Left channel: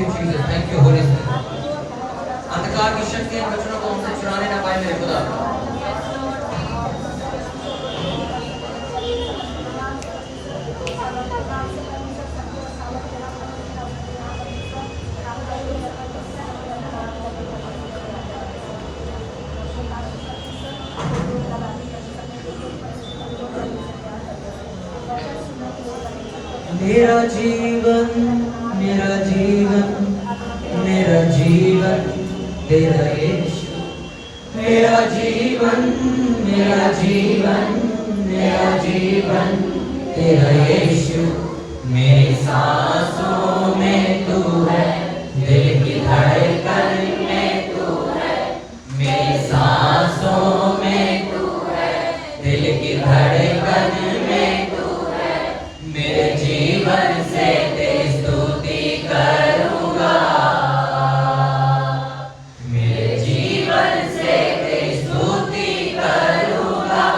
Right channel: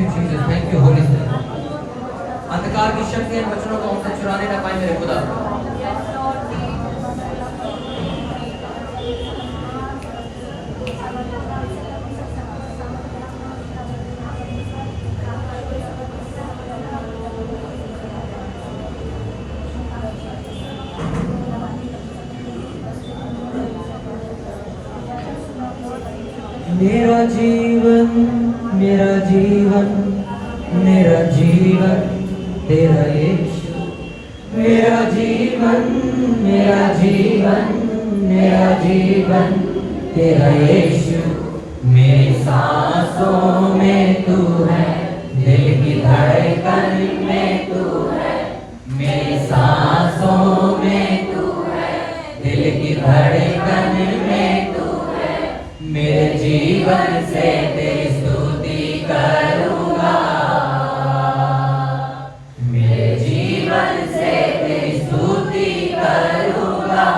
You Jesus, thank you Holi spirit. अंधकार की शक्ति इन बच्चों को हमसे चुराने ना पाए मेरे खुदा। मेरा जीवन मेरा जीवन मेरा जीवन तेरा यीशु, मेरा जीवन मेरा जीवन मेरा जीवन तेरा यीशु। मेरी सांसों में तू है, दिल की धड़कन में तू है। मेरी सांसों में तू है, दिल की धड़कन में तू है। मेरे जीवन से तेरी स्तुति करूंगा, मेरे जीवन से तेरी स्तुति करूंगा।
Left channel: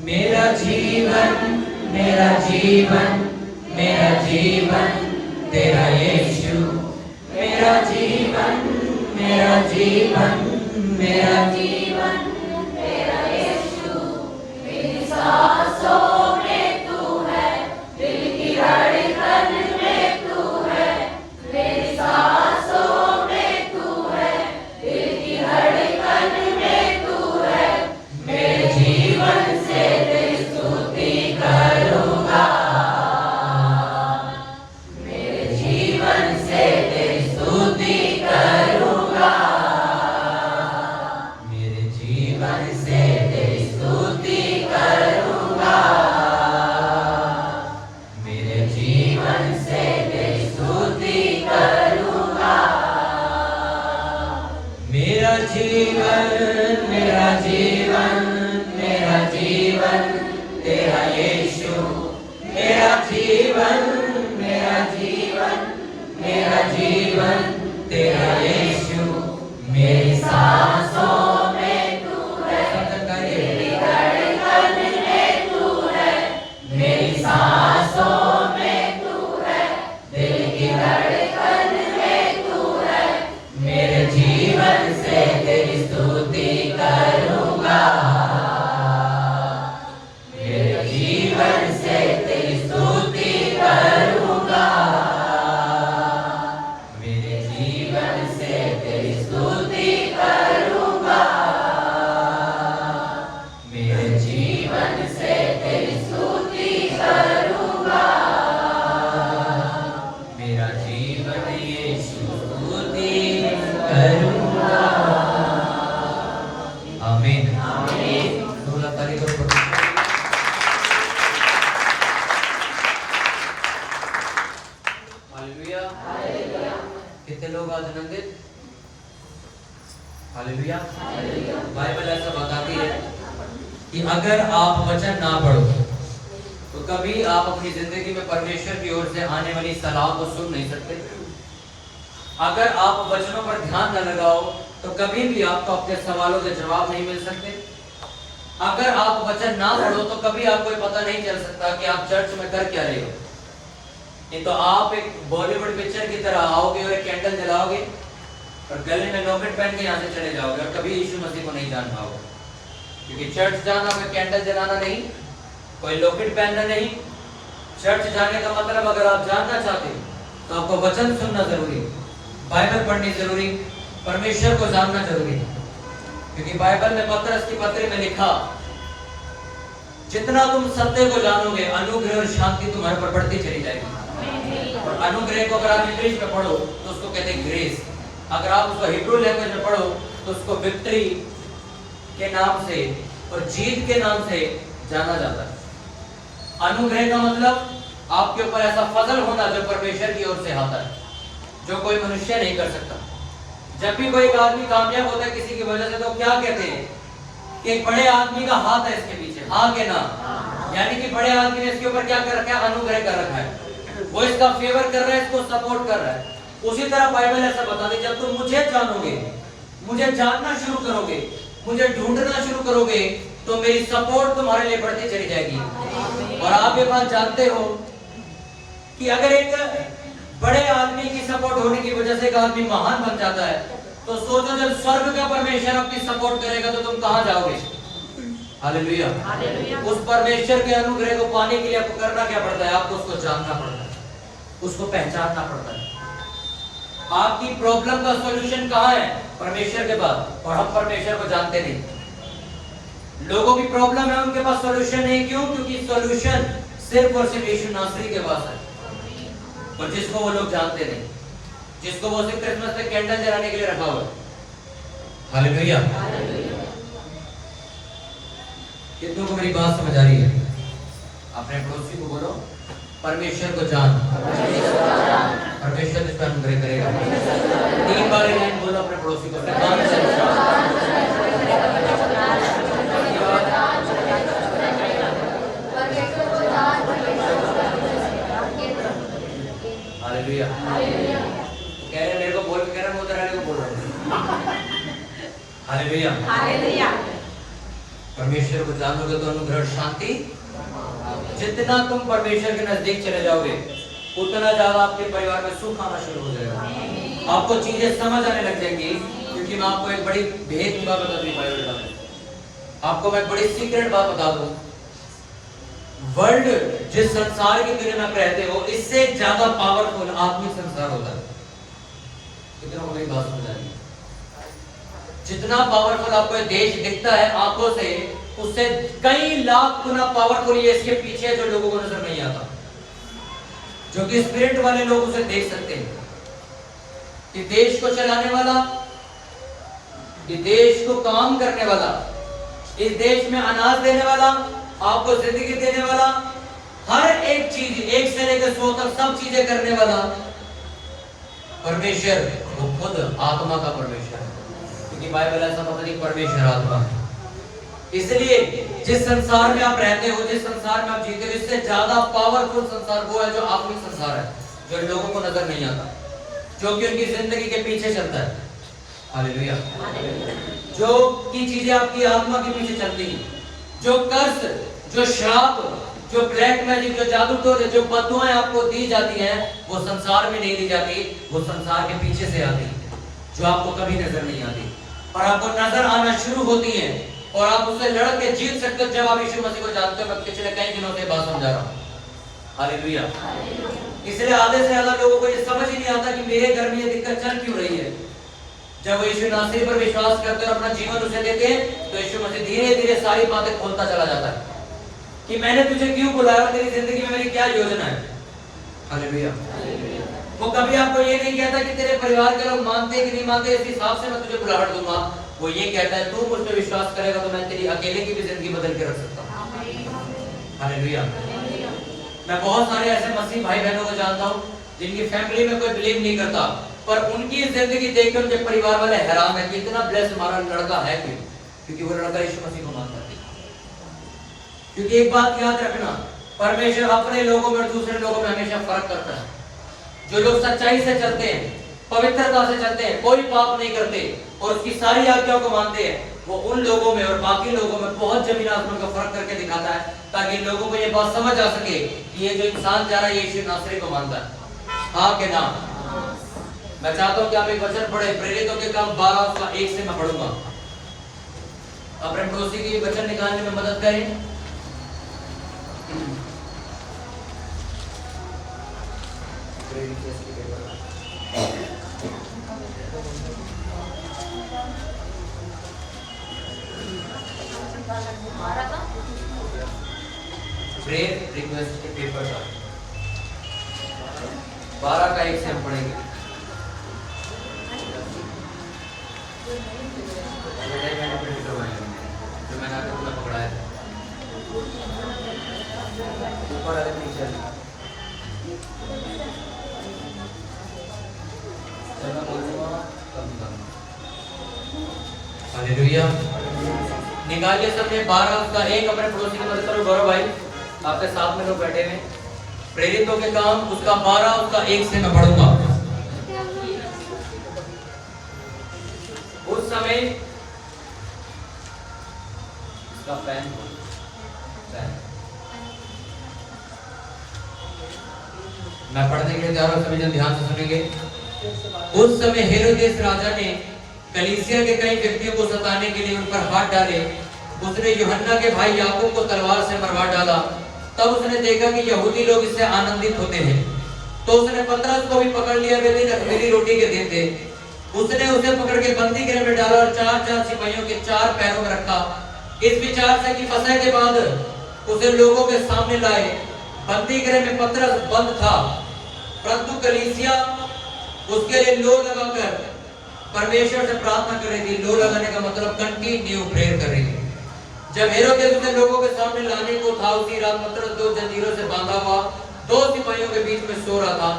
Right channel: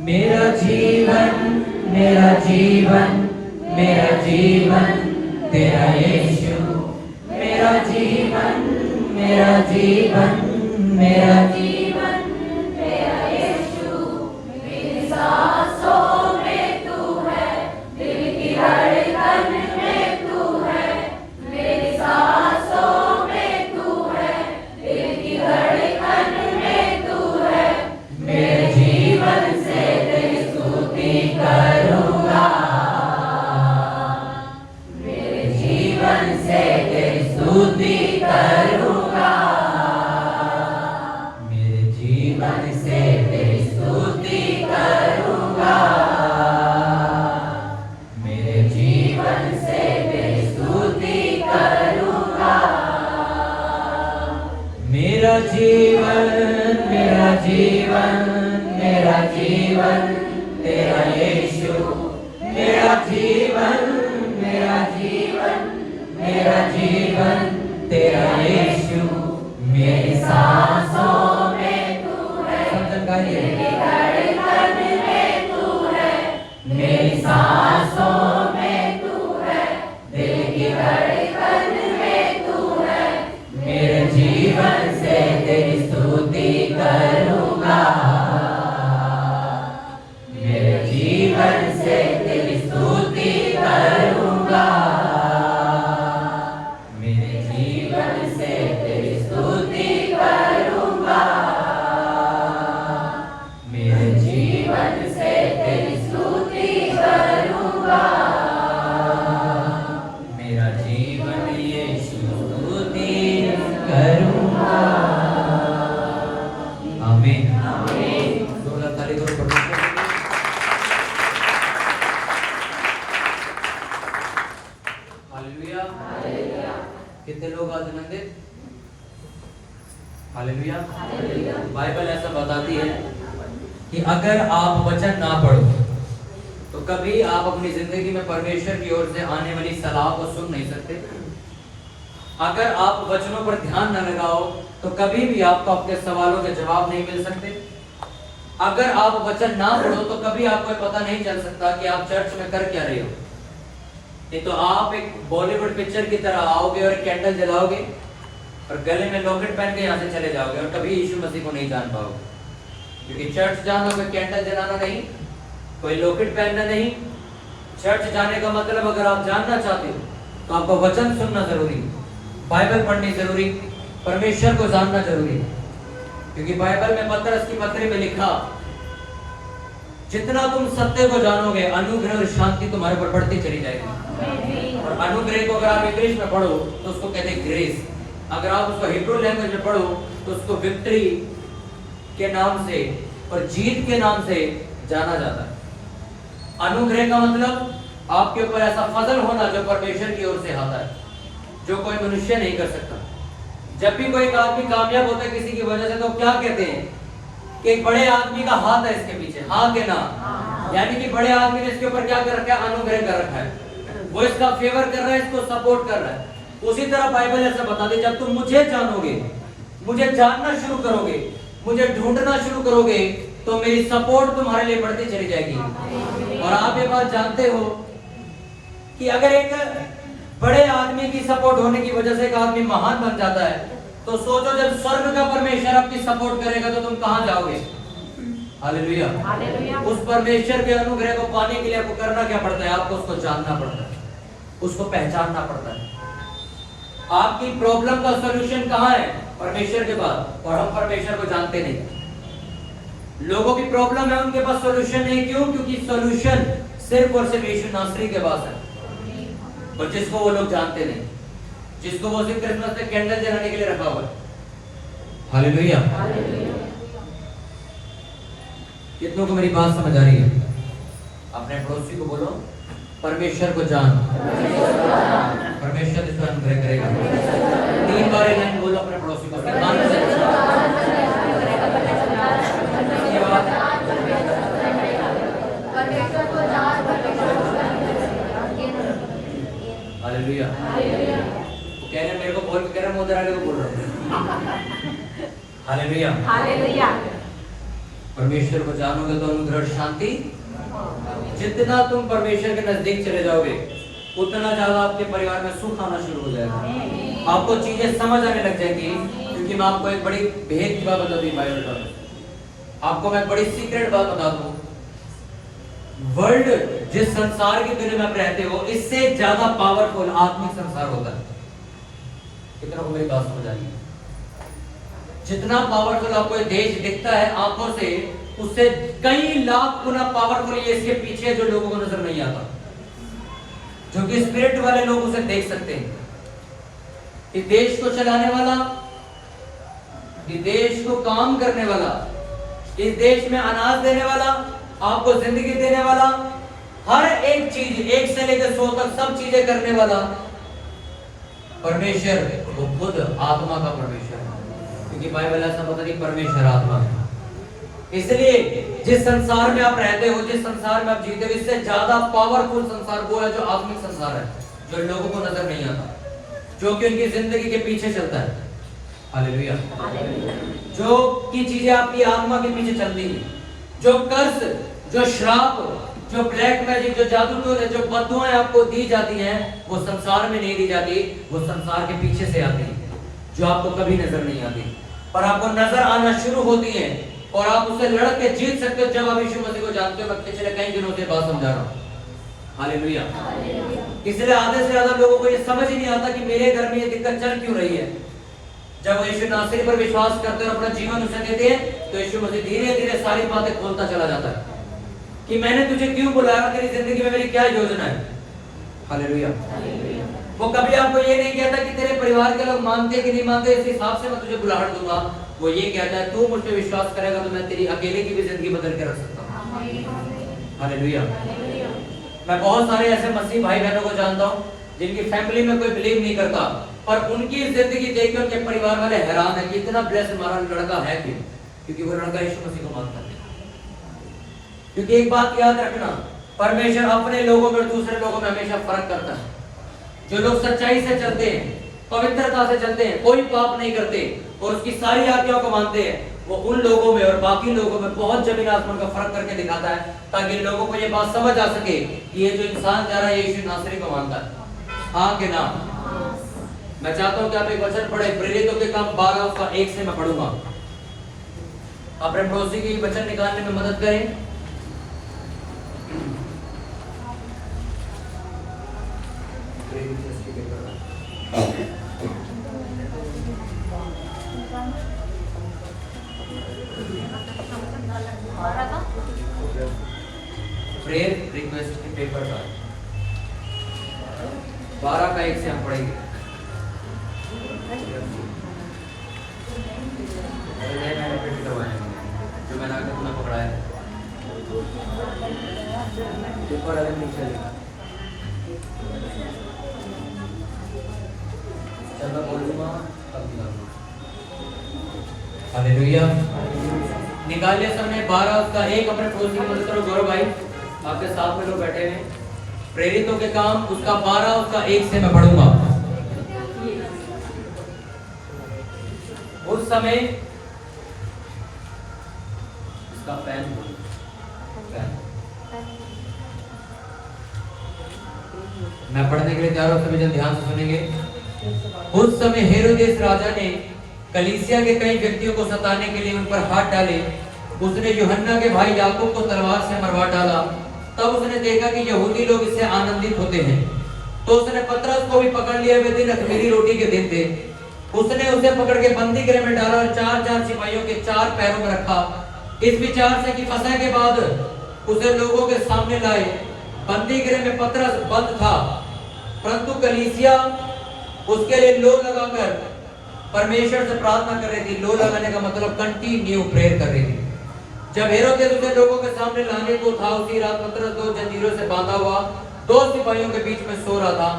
मेरा जीवन मेरा जीवन मेरा जीवन तेरा यीशु, मेरा जीवन मेरा जीवन मेरा जीवन तेरा यीशु। मेरी सांसों में तू है, दिल की धड़कन में तू है। मेरी सांसों में तू है, दिल की धड़कन में तू है। मेरे जीवन से तेरी स्तुति करूंगा, मेरे जीवन से तेरी स्तुति करूंगा। मेरे जीवन से तेरी स्तुति करूंगा, मेरे जीवन से तेरी स्तुति करूंगा। मेरा जीवन मेरा जीवन मेरा जीवन तेरा यीशु, मेरा जीवन मेरा जीवन मेरा जीवन तेरा यीशु। मेरी सांसों में तू है, मेरी धड़कन में तू है। मेरी सांसों में तू है, दिल की धड़कन में तू है। मेरे जीवन से तेरी स्तुति करूंगा, मेरे जीवन से तेरी स्तुति करूंगा। मेरे जीवन से तेरी स्तुति करूंगा, मेरे जीवन से तेरी स्तुति करूंगा। मेरा जीवन यीशु स्तुति करूंगा। आमीन आमीन। दोनों तारीख को हालेलुया। कितने लोग आज आनंदित? हालेलुया। बाइबल ऐसा बताती है कि अगर आप वचन ना पढ़ो तो कभी आप अपनी जिंदगी में परमेश्वर की ओर से आने वाली सलाह को सुन नहीं सकते। अगर आप वचनों पर ध्यान न लगाओ तो कभी भी आपको अपने सवालों के जवाब नहीं मिल सकते। अगर आप वचन ना पढ़ो तो कभी आपको पता नहीं चल सकता कि आप चर्च में कर क्या रहे हो। नहीं तो आप एक बॉलीवुड पिक्चर की तरह आओगे और एक कैंडल जलाओगे और गले में लॉकेट पहन के यहाँ से चले जाओगे और कभी यीशु मसीह को नहीं जान पाओगे। क्योंकि चर्च जाना कोई कैंडल जलाना नहीं, कोई लॉकेट पहनना नहीं। चर्च जाने का मतलब अगर आप जानना चाहते हो तो आपको वचन सुनना जरूरी, बाइबल पढ़नी जरूरी, परमेश्वर को जानना जरूरी। क्योंकि बाइबल में पतरस की पत्री में लिखा, जितना तुम सत्य को जानोगे अनुग्रह और शांति तुम्हारे पर बढ़ती चली जाएगी। और अनुग्रह को अगर आप इंग्लिश में पढ़ो तो उसको कहते हैं ग्रेस। अगर आप उसको हिब्रू लैंग्वेज में पढ़ो तो उसको विक्ट्री के नाम से और जीत के नाम से जाना जाता है। अनुग्रह का मतलब आपके ऊपर ऐसा फजल होना जो परमेश्वर की ओर से आता है, जो कोई मनुष्य नहीं कर सकता। जब भी कोई एक आदमी कामयाब होता है किसी की वजह से तो क्या कहते हैं कि एक बड़े आदमी का हाथ है इसके पीछे, हाँ के ना, यानी कि बड़े आदमी ने इसके ऊपर क्या कर रखा है, अनुग्रह कर रखा है, वो इसका फेवर कर रहा है, इसको सपोर्ट कर रहा है। उसी तरह बाइबल ऐसा बताती है, जब तुम मुझे जानोगे, मुझे जानना शुरू करोगे, मुझे ढूंढना शुरू करोगे तो मेरी सपोर्ट तुम्हारे लिए बढ़ती चली जाएगी। और आप ये बात जानते हो कि अगर एक बड़े आदमी की सपोर्ट होने की वजह से एक आदमी महान बन जाता है, तो सोचो जब स्वर्ग का परमेश्वर अपनी सपोर्ट करेगा तो तुम कहां जाओगे? हालेलुया। उस परमेश्वर के अनुग्रह को पाने के लिए आपको करना क्या पड़ता है? आपको उसको जानना पड़ता है, उसको पहचानना पड़ता है। आपकी प्रॉब्लम का सॉल्यूशन कहां है? परमेश्वर के पास। और हम परमेश्वर को जानते नहीं। लोगों की प्रॉब्लम है, उनके पास सॉल्यूशन नहीं। क्यों? क्योंकि सॉल्यूशन सिर्फ और सिर्फ यीशु नासरी के पास है, और जिसको वो लोग जानते नहीं, जिसको वो सिर्फ क्रिसमस पे कैंडल जलाने के लिए रखा हुआ है। हालेलुया। कितनों को मेरी बात समझ आ रही है? अपने पड़ोसी को बोलो, परमेश्वर को जान। परमेश्वर इस पर अनुग्रह करेगा। 3 बार ये लाइन बोलो अपने पड़ोसी को। हालेलुया। कह रहे मेरे को बोल के, कह रहे मोदर वाले को बोल रहा हूं। हालेलुया। परमेश्वर को जानोगे तो अनुग्रह शांति, जितना तुम परमेश्वर के नजदीक चले जाओगे उतना ज्यादा आपके परिवार में सुख आना शुरू हो जाएगा। आपको चीजें समझ आने लग जाएंगी। क्योंकि मैं आपको एक बड़ी भेद की बात बता दूं, बाइबल का आपको मैं बड़ी सीक्रेट बात बता दूं। वर्ल्ड जिस संसार की दुनिया में आप रहते हो, इससे ज्यादा पावरफुल आत्मिक संसार होता है। कितना को मेरी बात समझ आ रही है? जितना पावरफुल आपको देश दिखता है आंखों से, उससे कई लाख गुना पावरफुल ये इसके पीछे जो लोगों को नजर नहीं आता, जो कि स्पिरिट वाले लोग उसे देख सकते हैं। कि देश को चलाने वाला, कि देश को काम करने वाला, इस देश में अनाज देने वाला, आपको जिंदगी देने वाला, हर एक चीज 1 से लेकर 100 तक सब चीजें करने वाला परमेश्वर, वो खुद आत्मा का परमेश्वर है। क्योंकि बाइबल ऐसा बताती है परमेश्वर आत्मा है। इसलिए जिस संसार में आप रहते हो, जिस संसार में आप जीते हो, इससे ज्यादा पावरफुल संसार वो है जो आत्मिक संसार है, जो लोगों को नजर नहीं आता, जो कि उनकी जिंदगी के पीछे चलता है। हालेलुया। जो की चीजें आपकी आत्मा के पीछे चलती है, जो कर्ज, जो श्राप, जो ब्लैक मैजिक, जो जादू टोने, जो बददुआएं आपको दी जाती हैं, वो संसार में नहीं दी जाती, वो संसार के पीछे से आती है, जो आपको कभी नजर नहीं आती, पर आपको नजर आना शुरू होती है। और आप उससे लड़ के जीत सकते हो जब आप यीशु मसीह को जानते हो। मैं पिछले कई दिनों से बात समझा रहा हूं। हालेलुया। इसलिए आधे से ज्यादा लोगों को ये समझ ही नहीं आता कि मेरे घर में ये दिक्कत चल क्यों रही है। जब वो यीशु नासरी पर विश्वास करते हैं और अपना जीवन उसे देते हैं, तो यीशु मसीह धीरे धीरे सारी बातें खोलता चला जाता है कि मैंने तुझे क्यों बुलाया, तेरी जिंदगी में मेरी क्या योजना है। हालेलुया। वो कभी आपको ये नहीं कहता कि तेरे परिवार के लोग मानते कि नहीं मानते, इस हिसाब से मैं तुझे बुलाहट दूंगा। वो ये कहता है तू मुझ पर विश्वास करेगा तो मैं तेरी अकेले की भी जिंदगी बदल के रख सकता हूँ। हालेलुया। मैं बहुत सारे ऐसे मसीह भाई बहनों को जानता हूँ जिनकी फैमिली में कोई बिलीव नहीं करता, पर उनकी जिंदगी देख के उनके परिवार वाले हैरान है कि इतना ब्लेस्ड हमारा लड़का है क्यों? क्योंकि वो लड़का यीशु मसीह को मानता है। क्योंकि एक बात याद रखना, परमेश्वर अपने लोगों में और दूसरे लोगों में हमेशा फर्क करता है। जो लोग सच्चाई से चलते हैं, पवित्रता से चलते हैं, कोई पाप नहीं करते और उसकी सारी आज्ञाओं को मानते हैं, वो उन लोगों में और बाकी लोगों में बहुत जमीन आसमान का फर्क करके दिखाता है, ताकि लोगों को ये बात समझ आ सके कि ये जो इंसान जा रहा है यीशु नासरी को मानता है। हाँ के ना? मैं चाहता हूँ कि आप एक वचन पढ़े, प्रेरितों के काम 12 उसका 1 से मैं पढ़ूंगा। अपने पड़ोसी की वचन निकालने में मदद करें। प्रेयर रिक्वेस्ट के पेपर का 12 का 1 से हम पढ़ेंगे। जो मैंने आकर तुम्हें पकड़ाया पेपर आगे नहीं चल चलना बोल दूंगा। हालेलुया। निकालिए सबने 12 उसका 1 अपने पड़ोसी की मदद करो। गौरव भाई आपके साथ में लोग बैठे हुए। प्रेरितों के काम उसका 12 उसका 1 से मैं पढ़ूंगा। उस समय इसका पैन बोलो, पैन। मैं पढ़ने के लिए तैयार हूं, सभी जन ध्यान से सुनेंगे। उस समय हेरोदेस राजा ने कलीसिया के कई व्यक्तियों को सताने के लिए उन पर हाथ डाले। उसने यूहन्ना के भाई याकूब को तलवार से मरवा डाला। तब उसने देखा कि यहूदी लोग इससे आनंदित होते हैं, तो उसने पतरस को भी पकड़ लिया। वे दिन अख़मीरी रोटी के दिन थे। उसने उसे पकड़ के बंदी गृह में डाला और 4-4 सिपाहियों के 4 पैरों में रखा, इस विचार से कि फसह के बाद उसे लोगों के सामने लाए। बंदी गृह में पतरस बंद था, परंतु कलीसिया उसके लिए लो लगाकर परमेश्वर से प्रार्थना कर रही थी। लो लगाने का मतलब कंटिन्यू प्रेयर कर रही थी। जब हेरोदेस उसे लोगों के सामने लाने को था, उसी रात पतरस 2 जंजीरों से बांधा हुआ 2 सिपाहियों के बीच में सो रहा था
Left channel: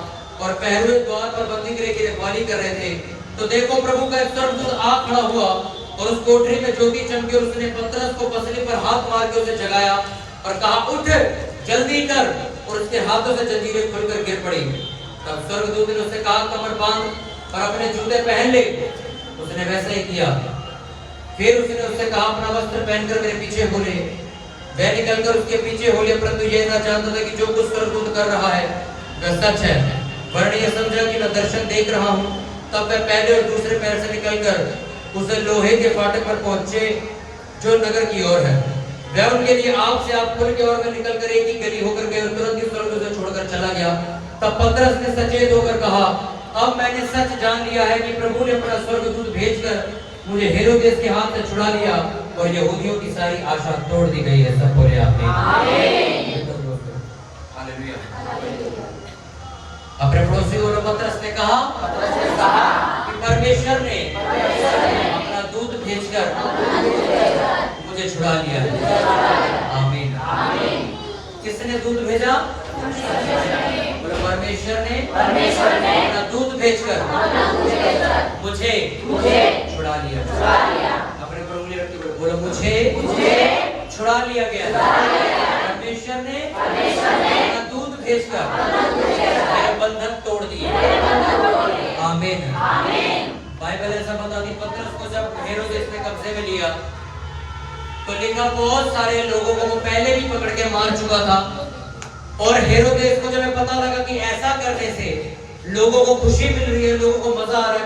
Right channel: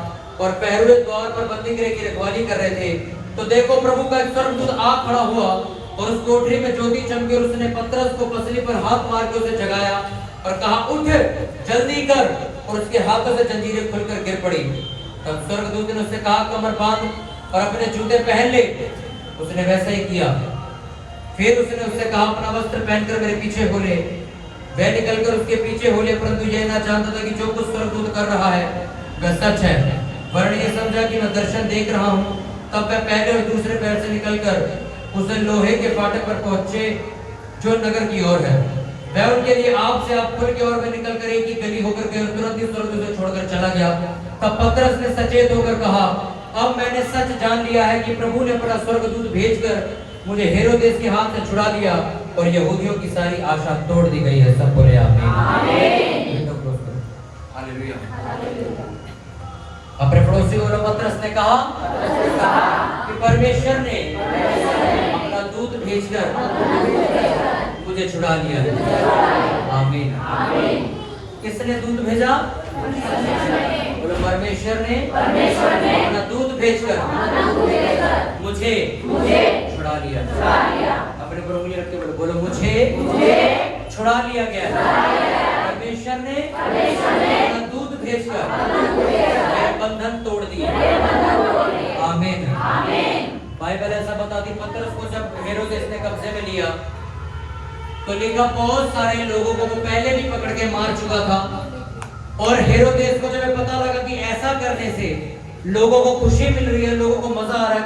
और पहरुए द्वार पर बंदी गृह की रखवाली कर रहे थे। तो देखो, प्रभु का एक स्वर्गदूत आ खड़ा हुआ और उस कोठरी में ज्योति चमकी और उसने पतरस को पसली पर हाथ मार के उसे जगाया और कहा, उठ, जल्दी कर। और उसके हाथों से जंजीरें खुलकर गिर पड़ी। तब स्वर्गदूत ने उससे कहा, कमर बांध और अपने जूते पहन ले। उसने वैसा ही किया। फिर उसने उससे कहा, अपना वस्त्र पहनकर मेरे पीछे हो ले। वह निकलकर उसके पीछे हो ले, परंतु यह ना जानता था कि जो कुछ स्वर्गदूत कर रहा है वह सच है, वरन यह समझा कि मैं दर्शन देख रहा हूँ। तब वह पहले और दूसरे पैर से निकलकर उसे लोहे के फाटक पर पहुंचे जो नगर की ओर है। वह उनके लिए आप से आप खुल के ओर में निकलकर एक ही गली होकर गए और तुरंत ही स्वर्गदूत को छोड़कर चला गया। तब पतरस ने सचेत होकर कहा, अब मैंने सच जान लिया है कि प्रभु ने अपना स्वर्गदूत भेजकर मुझे हेरोदेस के हाथ से छुड़ा लिया और यहूदियों की सारी आशा तोड़ दी गई है। सब बोले आमीन। हालेलुया। अपने पड़ोसी को पतरस ने कहा कि परमेश्वर ने अपना दूत भेजकर मुझे छुड़ा लिया। आमीन। किसने दूत भेजा? बोलो, परमेश्वर ने अपना दूत भेजकर मुझे छुड़ा लिया। अपने पर उंगली रख के बोलो, मुझे छुड़ा लिया गया। परमेश्वर ने अपना दूत भेजकर मेरे बंधन तोड़ दिए। आमीन। बाइबल ऐसा बताती, पतरस को जब हेरोदेस ने कब्जे में लिया तो लिखा, बहुत सारे लोगों को वो पहले भी पकड़ के मार चुका था। और हेरोदेस को जब पता लगा कि ऐसा करने से लोगों को खुशी मिल रही है, लोगों को मजा आ रहा है,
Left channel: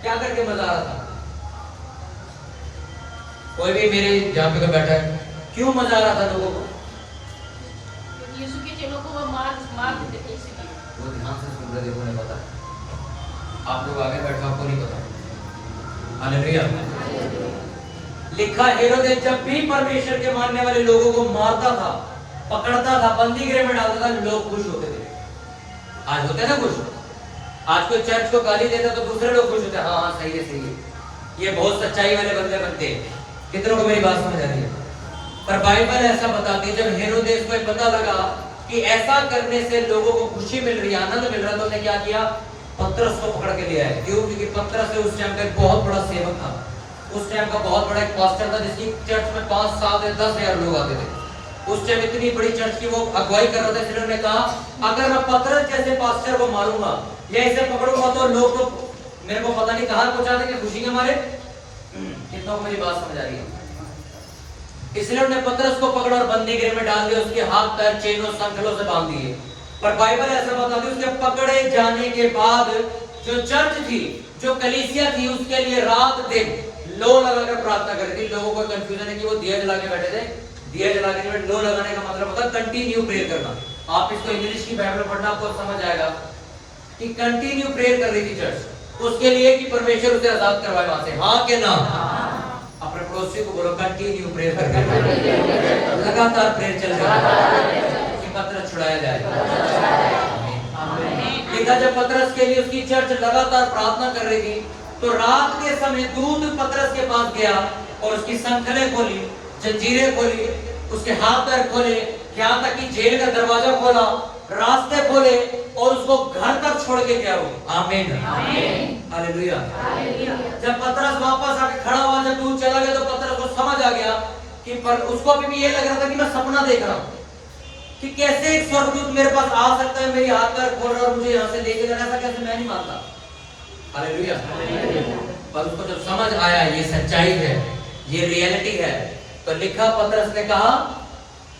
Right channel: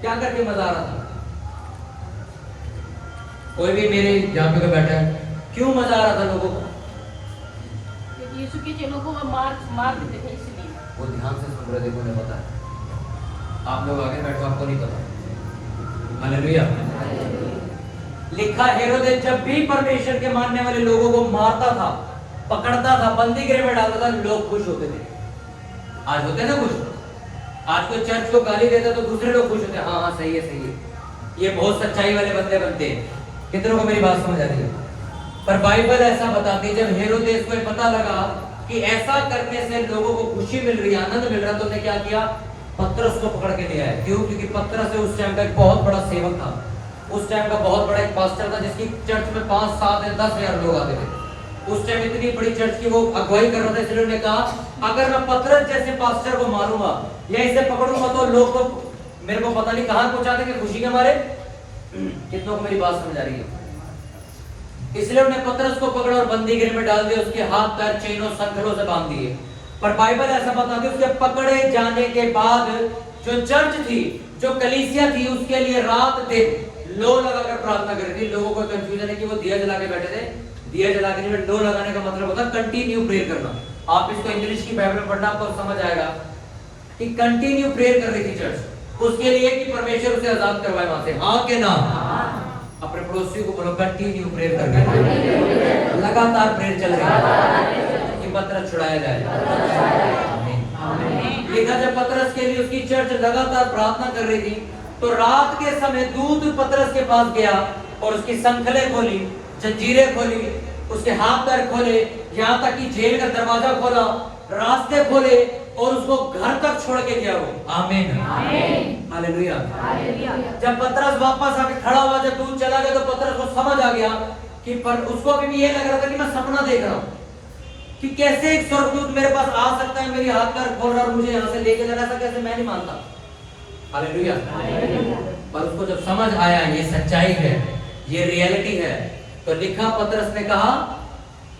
क्या करके मजा आ रहा था? कोई भी मेरे यहाँ पे बैठा है, क्यों मजा आ रहा था लोगों को? यीशु के चेलों को वो मार देते थे, इसलिए वो ध्यान से सुन रहे थे, उन्हें पता है। आप लोग आगे बैठो, आपको नहीं पता। हालेलुया। लिखा, हेरोदेस जब भी परमेश्वर के मानने वाले लोगों को मारता था, पकड़ता था, बंदी गृह में डालता था, लोग खुश होते थे। आज होते ना खुश? आज कोई चर्च को गाली देता तो दूसरे लोग खुश होते हैं, हाँ सही है, ये बहुत सच्चाई वाले बंदे बनते हैं। कितनों को मेरी बात समझ आ रही है? पर बाइबल ऐसा बताती है, जब हेरोदेस को पता लगा कि ऐसा करने से लोगों को खुशी मिल रही है, आनंद मिल रहा, तो उसने क्या किया? पतरस को पकड़ के लिया है। क्यों? क्योंकि पतरस उस टाइम का एक बहुत बड़ा सेवक था, उस टाइम का बहुत बड़ा एक पास्टर था, जिसकी चर्च में 5, 7 या 10 हजार लोग आते थे। उस टाइम इतनी बड़ी चर्च की वो अगुवाई कर रहा था, इसलिए उन्होंने कहा, अगर मैं पतरस जैसे पास्टर को मारूंगा या इसे पकड़ूंगा तो लोग तो मेरे को पता नहीं कहां पहुंचा देंगे खुशी के मारे। कितनों को मेरी बात समझ आ रही है? इसलिए उन्होंने पतरस को पकड़ा और बंदी गृह में डाल दिया, उसके हाथ पैर चेनों संकलों से बांध दिए। पर बाइबल ऐसा बताती है, उसके पकड़े जाने के बाद जो चर्च थी, जो कलीसिया थी, उसके लिए रात दिन लो लगाकर प्रार्थना कर रही थी। लोगों को कंफ्यूजन है कि वो दिया जला के बैठे थे। दिया जला के लो लगाने का मतलब होता है कंटिन्यू प्रेयर करना। आप इसको इंग्लिश की बाइबल पढ़ना, आपको समझ आएगा कि कंटिन्यू प्रेयर कर रही थी चर्च, उसके लिए कि परमेश्वर उसे आजाद करवाए वहां से। हाँ के ना? अपने पड़ोसी को बोलो, कंटिन्यू प्रेयर कर, लगातार प्रेयर चल रहा है कि पतरस छुड़ाया जाए। लिखा, जब पतरस के लिए उसकी चर्च लगातार प्रार्थना कर रही थी, तो रात के समय दूत पतरस के पास गया और उसकी संखलें खोली, जंजीरें खोली, उसके हाथ पैर खोले, यहाँ तक कि जेल का दरवाजा खोला, रास्ते खोले और उसको घर तक छोड़ के गया वो। आमीन। हालेलुया। जब पतरस वापस आके खड़ा हुआ, जब दूत चला गया, तो पतरस को समझ आ गया कि पर उसको अभी भी ये लग रहा था कि मैं सपना देख रहा हूँ, कि कैसे एक स्वर्गदूत मेरे पास आ सकता है, मेरी हाथ पैर खोल रहा और मुझे यहाँ से लेके लगा था, कैसे? मैं नहीं मानता। हालेलुया। पर उसको जब समझ आया ये सच्चाई है, ये रियलिटी है, तो लिखा, पतरस ने कहा,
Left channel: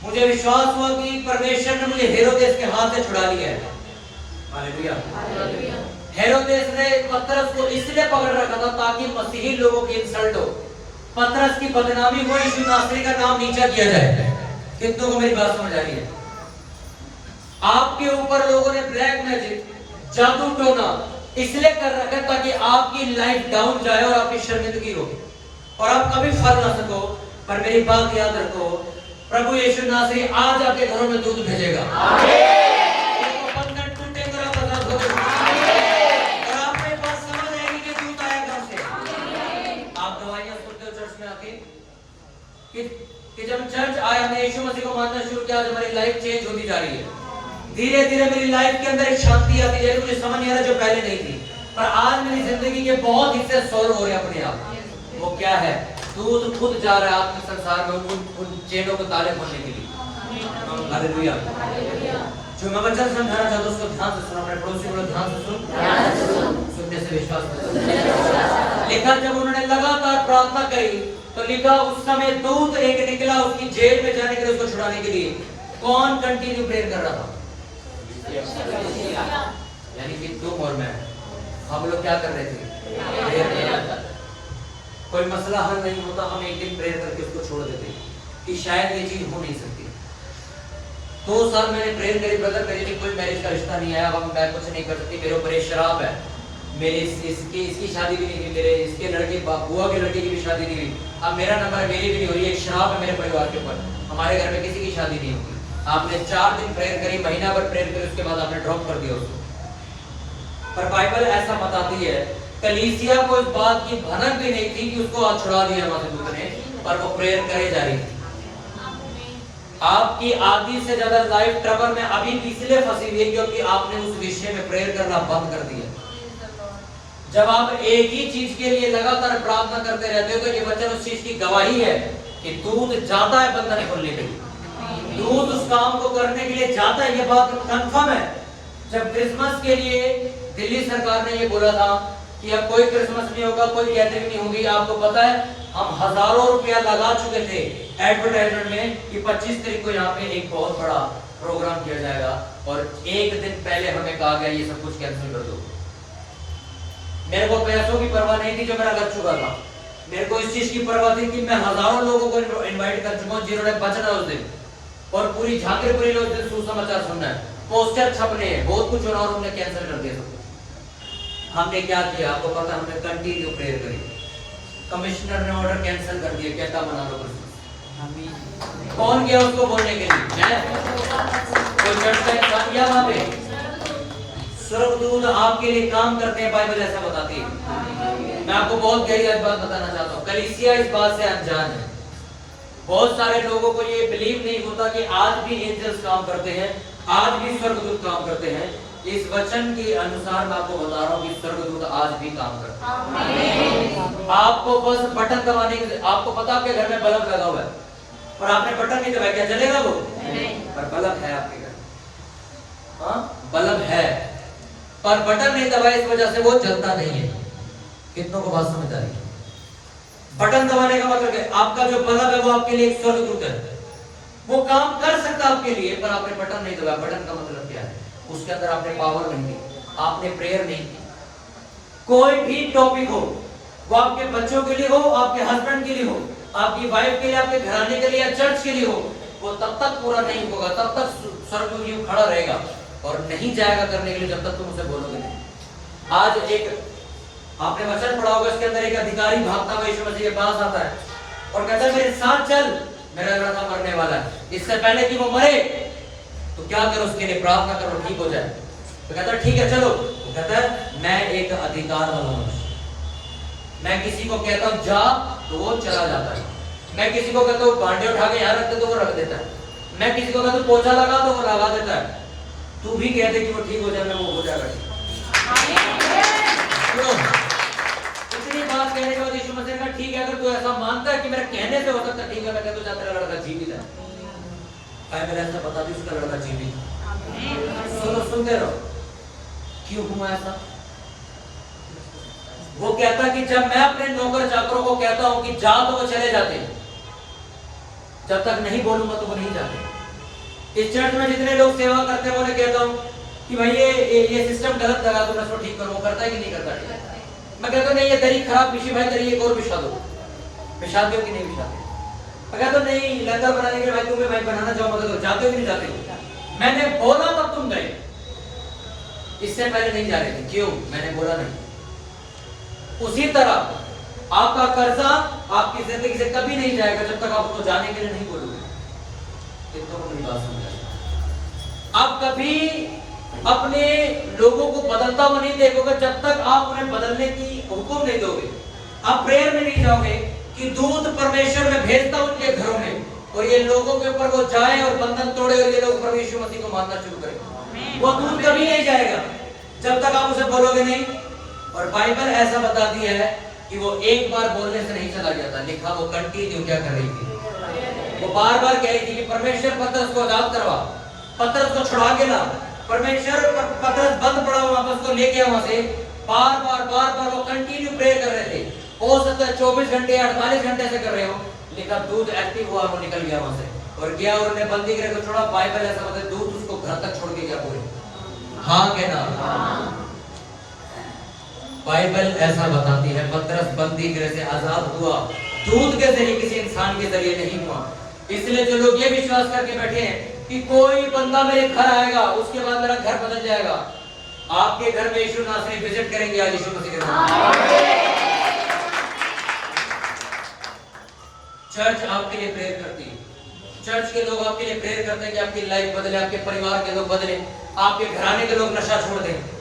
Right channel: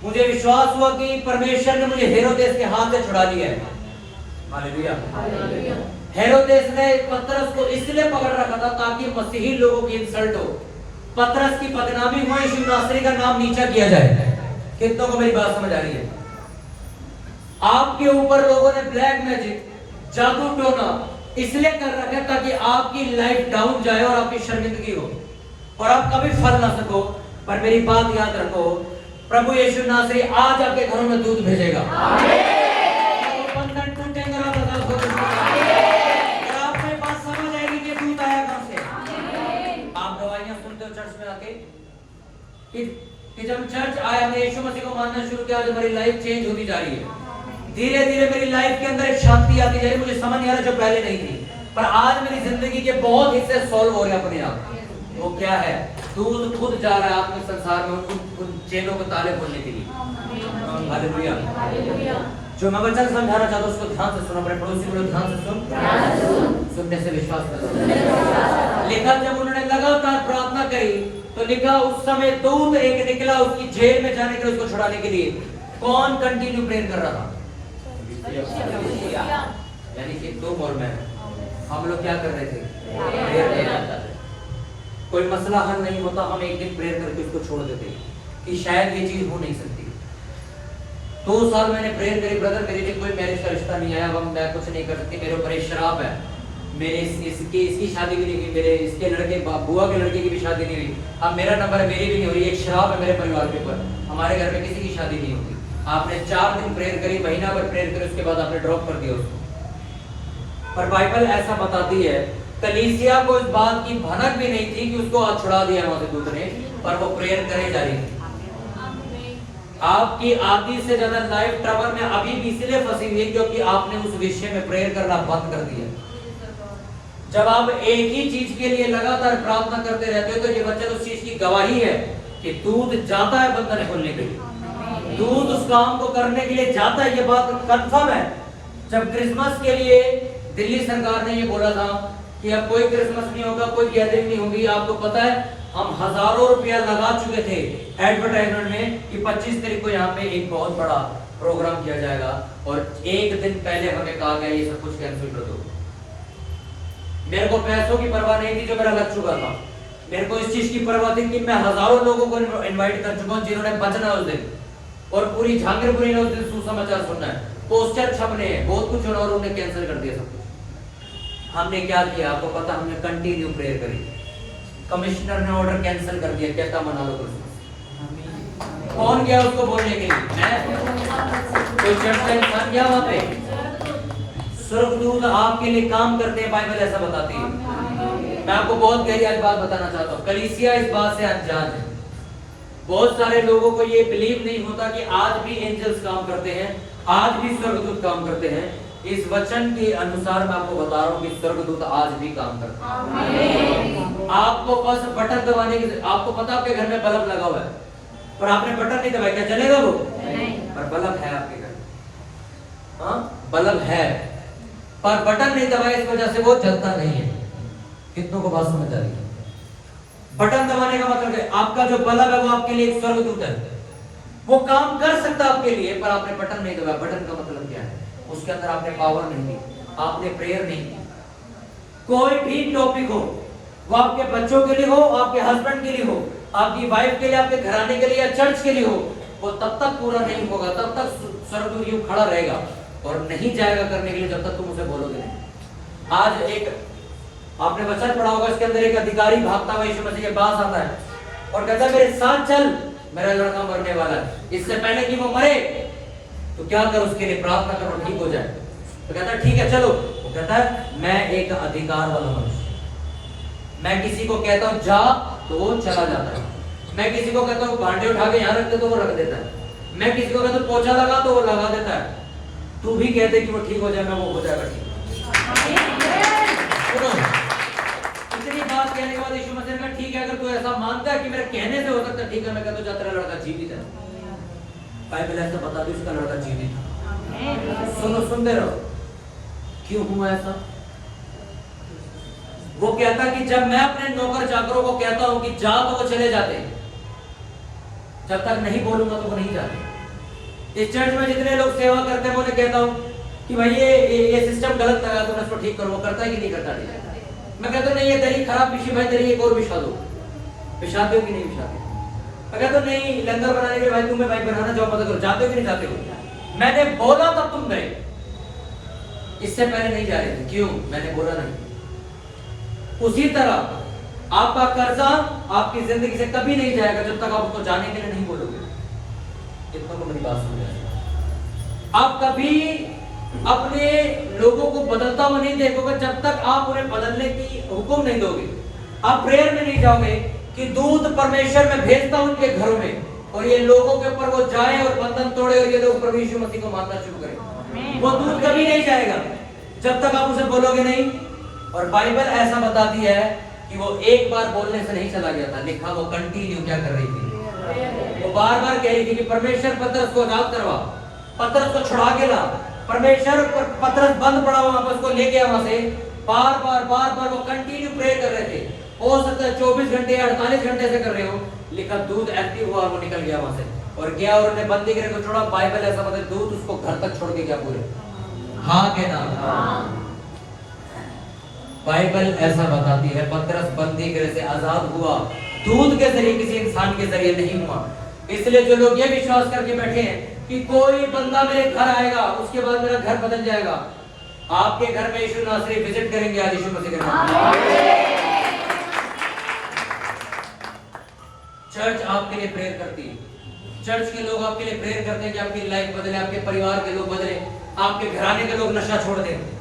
मुझे विश्वास हुआ कि परमेश्वर ने मुझे हेरोदेस के हाथ से छुड़ा लिया है। हालेलुया। हेरोदेस ने पतरस को इसलिए पकड़ रखा था ताकि मसीही लोगों की इंसल्ट हो, पतरस की बदनामी हो, यीशु नासरी का नाम नीचा किया जाए। कितनों को मेरी बात समझ आ रही है? आपके ऊपर लोगों ने ब्लैक मैजिक, जादू टोना इसलिए कर रखा है ताकि आपकी लाइफ डाउन जाए और आपकी शर्मिंदगी हो और आप कभी फल ना सको। पर मेरी बात याद रखो, प्रभु यीशु नासरी आज आपके घरों में दूध भेजेगा। बंधन टूटेंगे और आपको ये बात समझ आएगी कि दूध आया कहां से। आप दवाइयां सुनते हो चर्च में आके कि जब चर्च आया, हमने यीशु मसीह को मानना शुरू किया, आज हमारी लाइफ चेंज होती जा रही है। धीरे धीरे मेरी लाइफ के अंदर एक शांति आती जा रही, मुझे समझ नहीं आ रहा जो पहले नहीं थी, पर आज मेरी जिंदगी के बहुत हिस्से सॉल्व हो रहे हैं अपने आप। वो क्या है? दूध खुद जा रहा है आत्म संसार में उन चेनों को ताले खोलने के लिए। हालेलुया। जो मैं वचन समझाना चाहता हूं उसको ध्यान से सुनो, अपने पड़ोसी को ध्यान से सुन, सुनने से विश्वास कर। लिखा जब उन्होंने लगातार प्रार्थना करी तो लिखा उस समय दूत एक निकला उसकी जेल में जाने के लिए, उसको छुड़ाने के लिए। कौन कंटिन्यू प्रेयर कर रहा था? यानी कि तुम और मैं, हम लोग क्या कर रहे थे? कोई मसला हल नहीं होता, हम एक दिन प्रेयर करके उसको छोड़ देते कि शायद ये चीज हो नहीं सकती। 2 साल मैंने प्रेयर करी, ब्रदर मेरे लिए कोई मैरिज का रिश्ता नहीं आया, अब मैं कुछ नहीं कर सकती, मेरे ऊपर एक शराब है, मेरे इसकी शादी भी नहीं हुई, मेरे इसके लड़के बुआ के लड़के की भी शादी नहीं हुई, अब मेरा नंबर है, मेरी भी नहीं हो रही, एक शराब है मेरे परिवार के ऊपर, हमारे घर में किसी की शादी नहीं होगी। आपने 4 दिन प्रेयर करी, महीना भर प्रेयर करी, उसके बाद आपने ड्रॉप कर दिया उसको। पर बाइबल ऐसा बताती है, कलीसिया को इस बात की भनक भी नहीं थी कि उसको छुड़ा दिया वहां से दूत ने, पर वो प्रेयर करे जा रही थी। आपकी आधी से ज्यादा लाइफ ट्रबल में अभी भी इसलिए फंसी हुई है क्योंकि आपने उस विषय में प्रेयर करना बंद कर दिया। जब आप एक ही चीज के लिए लगातार प्रार्थना करते रहते हो तो ये वचन उस चीज की गवाही है कि दूत जाता है बंधन खोलने के लिए, दूत उस काम को करने के लिए जाता है, ये बात कंफर्म है। जब क्रिसमस के लिए दिल्ली सरकार ने ये बोला था कि अब कोई क्रिसमस नहीं होगा, कोई गैदरिंग नहीं होगी, आपको पता है हम हजारों रुपया लगा चुके थे एडवर्टाइजमेंट में कि 25 तारीख को यहाँ पे एक बहुत बड़ा प्रोग्राम किया जाएगा, और एक दिन पहले हमें कहा गया ये सब कुछ कैंसिल कर दो। मेरे को पैसों की परवाह नहीं थी जो मेरा लग चुका था, मेरे को इस चीज की परवाह थी कि मैं हजारों लोगों को इनवाइट कर चुका हूँ जिन्होंने बचना उस दिन, और पूरी झांकरपुरी ने उस दिन सुसमाचार सुनना है, पोस्टर छपने हैं, बहुत कुछ और उन्होंने कैंसिल कर दिया सब कुछ। हमने क्या किया आपको पता, हमने कंटिन्यू प्रेयर करी, कमिश्नर ने ऑर्डर कैंसिल कर दिया, क्या मना लो कुछ। कौन गया उसको बोलने के लिए? मैं? कोई चर्च का इंसान गया वहां पे? स्वर्गदूत आपके लिए काम करते हैं, बाइबल ऐसा बताती है। मैं आपको बहुत गहरी आज बात बताना चाहता हूँ, कलीसिया इस बात से अनजान है। बहुत सारे लोगों को ये बिलीव नहीं होता कि आज भी एंजल्स काम करते हैं, आज भी स्वर्गदूत काम करते हैं। इस वचन के अनुसार मैं आपको बता रहा हूँ कि स्वर्गदूत आज भी काम करते हैं। आपको बस बटन दबाने की, आपको पता आपके घर में बल्ब लगा हुआ है पर आपने बटन नहीं दबाया, क्या जलेगा वो? पर बल्ब है आपके घर, हाँ बल्ब है, पर बटन नहीं दबाया इस वजह से वो जलता नहीं है। कितनों को बात समझ आ रही है? बटन दबाने का मतलब है आपका जो बल्ब है वो आपके लिए एक स्वर्गदूत है, वो काम कर सकता है आपके लिए, पर आपने बटन नहीं दबाया। बटन का मतलब क्या है? उसके अंदर आपने पावर नहीं दी, आपने प्रेयर नहीं की। कोई भी टॉपिक हो, वो आपके बच्चों के लिए हो, आपके हस्बैंड के लिए हो, आपकी वाइफ के लिए, आपके घराने के लिए या चर्च के लिए हो, वो तब तक पूरा नहीं होगा, तब तक स्वर्गदूत यूं खड़ा रहेगा और नहीं जाएगा करने के लिए जब तक तुम उसे बोलोगे नहीं। आज एक आपने वचन पढ़ा होगा, इसके अंदर एक अधिकारी भागता हुआ यीशु मसीह के पास आता है और कहता है मेरे साथ चल, मेरा लड़का मरने वाला है, इससे पहले कि वो मरे तो क्या कर, उसके लिए प्रार्थना करो ठीक हो जाए। तो कहता है ठीक है चलो। वो कहता है मैं एक अधिकार वाला मनुष्य, मैं किसी को कहता हूँ जा तो वो चला जाता है, मैं किसी को कहता हूँ भांडे उठा के यहाँ रख दे तो वो रख देता है, मैं किसी को कहता हूँ पोछा लगा तो वो लगा देता है। तू भी कहते कि वो ठीक हो जाए, वो हो जाएगा ठीक। इतनी बात कहने के बाद यीशु मसीह ने कहा ठीक है, अगर तू ऐसा मानता है कि मेरे कहने से हो सकता है ठीक है, मैं कहता हूँ जा तेरा लड़का जीवित है। बाइबल ऐसा बताती है उसका लड़का जीवित। सुनो सुनते रहो, क्यों हुआ ऐसा? वो कहता कि जब मैं अपने नौकर चाकरों को कहता हूं कि जा तो वो चले जाते, जब तक नहीं बोलूंगा तो वो नहीं जाते। इस चर्च में जितने लोग सेवा करते हैं मैं उन्हें कहता हूँ कि भाई ये सिस्टम गलत लगा दो ना, इसको ठीक करो। वो करता है कि नहीं करता? ठीक। मैं कहता नहीं ये दरी खराब बिछी भाई, दरी एक और बिछा दो। बिछा दो कि नहीं बिछाते? अगर तो नहीं लंगर बनाने के भाई तुम्हें भाई बनाना चाहो मदद करो, जाते हो कि नहीं जाते हो? मैंने बोला तब तुम गए, इससे पहले नहीं जा रहे थे। क्यों? मैंने बोला नहीं। उसी तरह आपका कर्जा आपकी जिंदगी से कभी नहीं जाएगा जब तक आप उसको जाने के लिए नहीं बोलोगे। कितनों को मेरी बात समझ आई? आप कभी अपने लोगों को बदलता हुआ नहीं देखोगे जब तक आप उन्हें बदलने की हुक्म नहीं दोगे। आप प्रेयर में नहीं जाओगे कि दूत परमेश्वर में भेजता हूं उनके घरों में और ये लोगों के ऊपर वो जाए और बंधन तोड़े और ये लोग प्रभु यीशु मसीह को मानना शुरू करें। वो दूत कभी नहीं जाएगा जब तक आप उसे बोलोगे नहीं। और बाइबल ऐसा बताती है कि वो एक बार बोलने से नहीं चला गया था, लिखा वो कंटिन्यू क्या कर रही थी? वो बार बार कह रही थी कि परमेश्वर पतरस को आजाद करवा, पतरस को छुड़ा के ला। परमेश्वर पतरस बंद पड़ा हुआ वापस को ले गया वहां से। बार बार वो कंटिन्यू प्रे कर रहे थे। हो सकता है 24 घंटे 48 घंटे से कर रहे हो। लिखा दूध एक्टिव हुआ, वो निकल गया वहां से और गया और उन्हें बंदी गिरे को छोड़ा। बाइबल ऐसा बताती दूध उसको घर तक छोड़ के गया पूरे। हाँ के ना? बाइबल ऐसा बताती है पतरस बंदी गिरे से आजाद हुआ, दूध के जरिए, किसी इंसान के जरिए नहीं हुआ। इसलिए जो लोग ये विश्वास करके बैठे हैं कि कोई बंदा मेरे घर आएगा उसके बाद मेरा घर बदल जाएगा, आपके घर में यीशु नासरी विजिट करेंगे आज यीशु मसीह के नाम। चर्च आपके लिए प्रेयर करती है। चर्च के लोग आपके लिए प्रेयर करते हैं कि आपकी लाइफ बदले, आपके परिवार के लोग बदले, आपके घराने के लोग नशा छोड़ दें।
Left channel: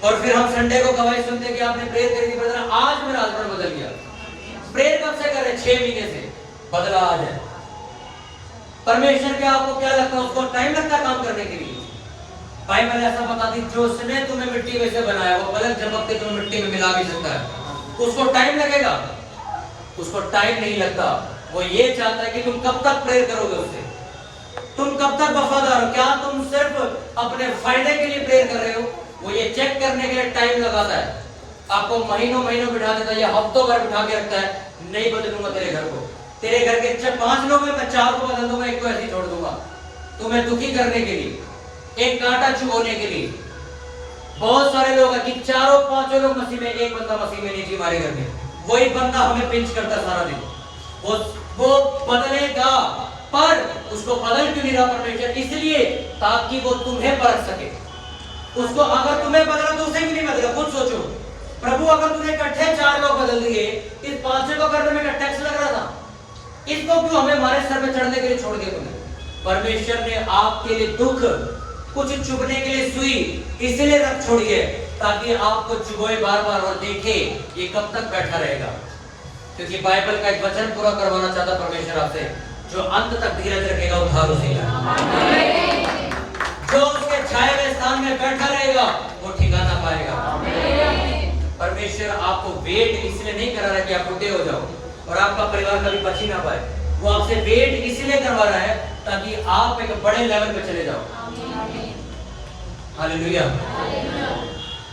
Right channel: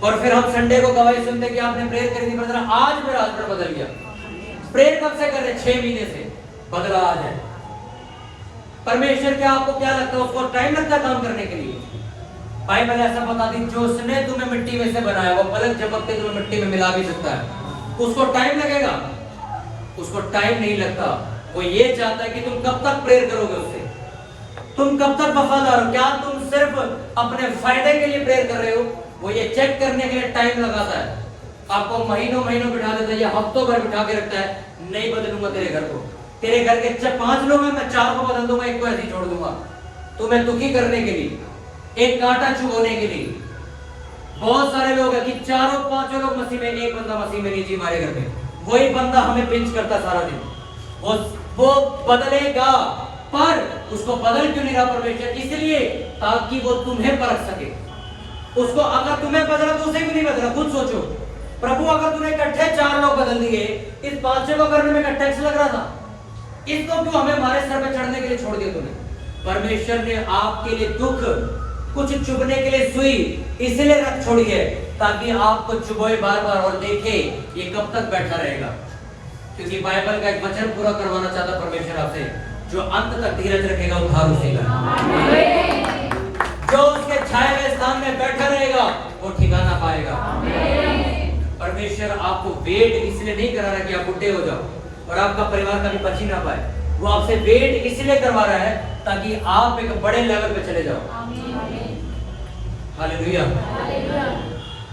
और फिर हम संडे को गवाही सुनते हैं कि आपने प्रेयर करी थी ब्रदर, आज मेरा हस्बैंड बदल गया। प्रेयर कब से कर रहे? 6 महीने से, बदला आज है। परमेश्वर क्या आपको क्या लगता है उसको टाइम लगता है काम करने के लिए? बाइबल ऐसा बताती जो उसने तुम्हें मिट्टी में से बनाया वो पलक झपकते तुम्हें मिट्टी में मिला भी सकता है। उसको टाइम लगेगा? उसको टाइम नहीं लगता। वो ये चाहता है कि तुम कब तक प्रेयर करोगे उससे, तुम कब तक वफादार हो। क्या तुम सिर्फ अपने फायदे के लिए प्रेयर कर रहे हो? वो ये चेक करने के लिए टाइम लगाता है, आपको महीनों बिठा देता है या हफ्तों भर बिठा के रखता है। नहीं बदलूंगा तेरे घर को, तेरे घर के 5 लोग हैं, मैं 4 को बदल दूंगा, एक को ऐसे छोड़ दूंगा, तुम्हें दुखी करने के लिए, एक कांटा चुभोने के लिए। बहुत सारे लोग हैं कि 4-5 लोग मसीह में, एक बंदा मसीह में नहीं जी हमारे घर में। वही बंदा हमें पिंच करता सारा दिन। वो बदलेगा, पर उसको बदल क्यों नहीं रहा परमेश्वर? इसलिए ताकि वो तुम्हें परख सके। उसको अगर तुम्हें बदला तो उसे भी नहीं बदला। खुद सोचो, प्रभु अगर तुम्हें इकट्ठे 4 लोग बदल दिए, इस 5 को करने में टैक्स लग रहा था, इसको क्यों हमें हमारे सर पे चढ़ने के लिए छोड़ दिया तुम्हें? परमेश्वर ने आपके लिए दुख, कुछ चुभने के लिए सुई इसलिए रख छोड़ी है ताकि आपको चुभोए बार और देखे ये कब तक बैठा रहेगा। क्योंकि बाइबल का एक वचन पूरा करवाना चाहता परमेश्वर आपसे, जो अंत तक धीरज रखेगा उद्धार उसेगा। जो उसके छाए हुए स्थान में बैठा रहेगा वो ठिकाना पाएगा। परमेश्वर आपको वेट इसलिए नहीं करा रहा कि आप बुढ़े हो जाओ और आपका परिवार कभी बच ही ना पाए। वो आपसे वेट इसलिए करवा रहा है ताकि आप एक बड़े लेवल पे चले जाओ। हालेलुया।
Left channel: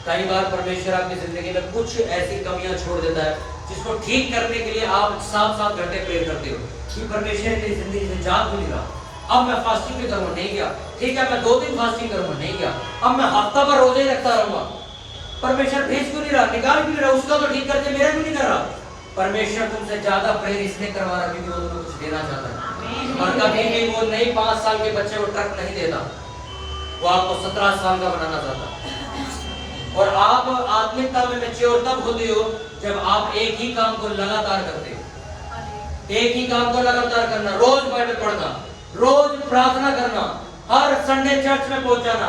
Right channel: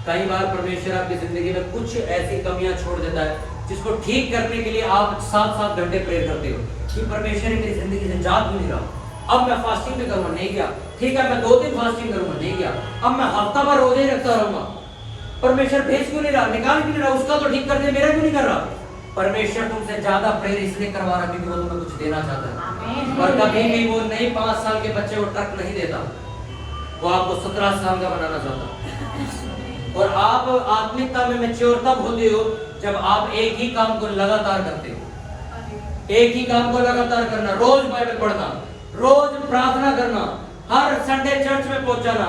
कई बार परमेश्वर आपकी जिंदगी में कुछ ऐसी कमियां छोड़ देता है जिसको ठीक करने के लिए आप 7-7 घंटे प्रेयर करते हो कि परमेश्वर मेरी जिंदगी से जाग नहीं रहा, अब मैं फास्टिंग भी करूंगा, नहीं गया। ठीक है मैं 2 दिन फास्टिंग करूंगा, नहीं गया। अब मैं हफ्ता भर रोजे ही रखता रहूंगा। परमेश्वर भेज क्यों नहीं रहा, निकाल क्यों नहीं रहा? उसका तो ठीक कर दे, मेरा क्यों नहीं कर रहा? परमेश्वर तुमसे ज्यादा प्रेयर इसलिए करवा रहा क्योंकि वो तुम्हें कुछ देना चाहता है। और कभी भी वो नई 5 साल के बच्चे को ट्रक नहीं देता, वो आपको 17 साल का बनाना चाहता। और आप आत्मिकता में मैच्योर तब होते हो जब आप एक ही काम को लगातार करते हो। एक ही काम को लगातार करना, रोज बाइबल पढ़ना, रोज प्रार्थना करना, हर संडे चर्च में पहुंचाना,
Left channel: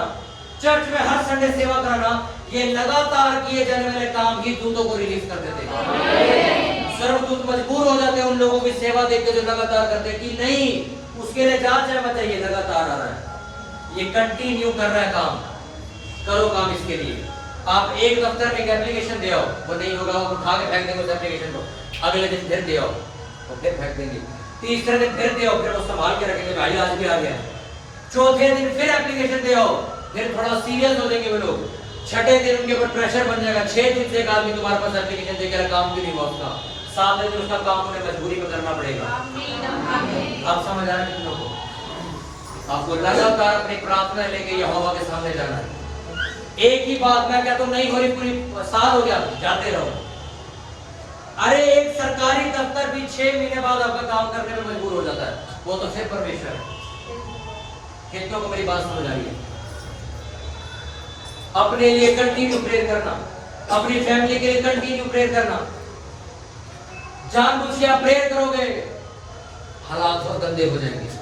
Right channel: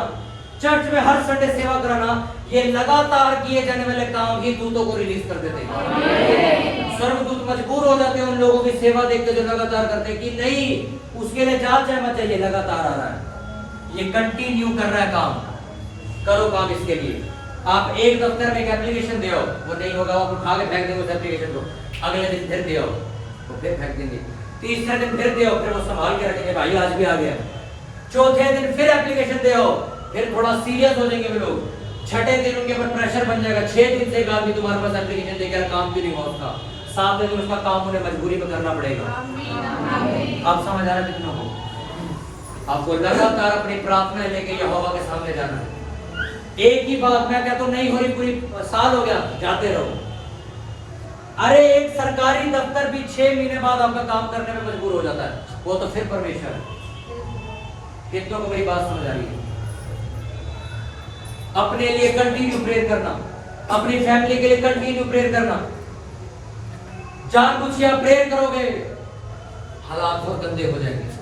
चर्च में हर संडे सेवा कराना, ये लगातार किए जाने वाले काम ही दूतों को रिलीज कर देते हैं। सर्वदूत मजबूर हो जाते हैं उन लोगों की सेवा देख के जो लगातार करते हैं कि नहीं उसके लिए जांच है मत चाहिए, लगातार आ रहा है, ये कंटिन्यू कर रहा है काम, करो काम इसके लिए। आप एक दफ्तर में एक एप्लीकेशन दे आओ, वो नहीं होगा, वो उठा के फेंक देंगे उस एप्लीकेशन को, अगले दिन फिर दे आओ, वो फिर फेंक देंगे, तीसरे दिन फिर दे आओ, फिर वो संभाल के रखेंगे, भाई आज भी आ गया। चौथे दिन फिर एप्लीकेशन दे आओ, फिर थोड़ा सीरियस हो जाएंगे वो लोग। छठे दिन उनके ऊपर प्रेशर बन जाएगा, 6 दिन से एक आदमी तुम्हारे पास एप्लीकेशन देकर काम भी नहीं हुआ उसका, 7 दिन उसका काम उन्हें मजबूरी में करना पड़ेगा। आप समझ आ रहे हैं? आपको लगातार अपनी प्रार्थना लेके यहोवा के सामने जाना है। एक ही बात मैं कहता हूं नहीं हो रही, पूरी साल हो गया, जाते रहो। अरे एक सरकारी दफ्तर भी 6 महीने बाद आपका काम करने में मजबूर हो जाता है, वो तो फिर परमेश्वर है। कितनों को मेरी बात समझ आ रही है? अपने लिए कंटिन्यू प्रेयर करना, अपनी फैमिली के लिए कंटिन्यू प्रेयर करना। जानबूझ के आप प्रेयर करोगे, हालात बहुत गंदे हो जाएंगे।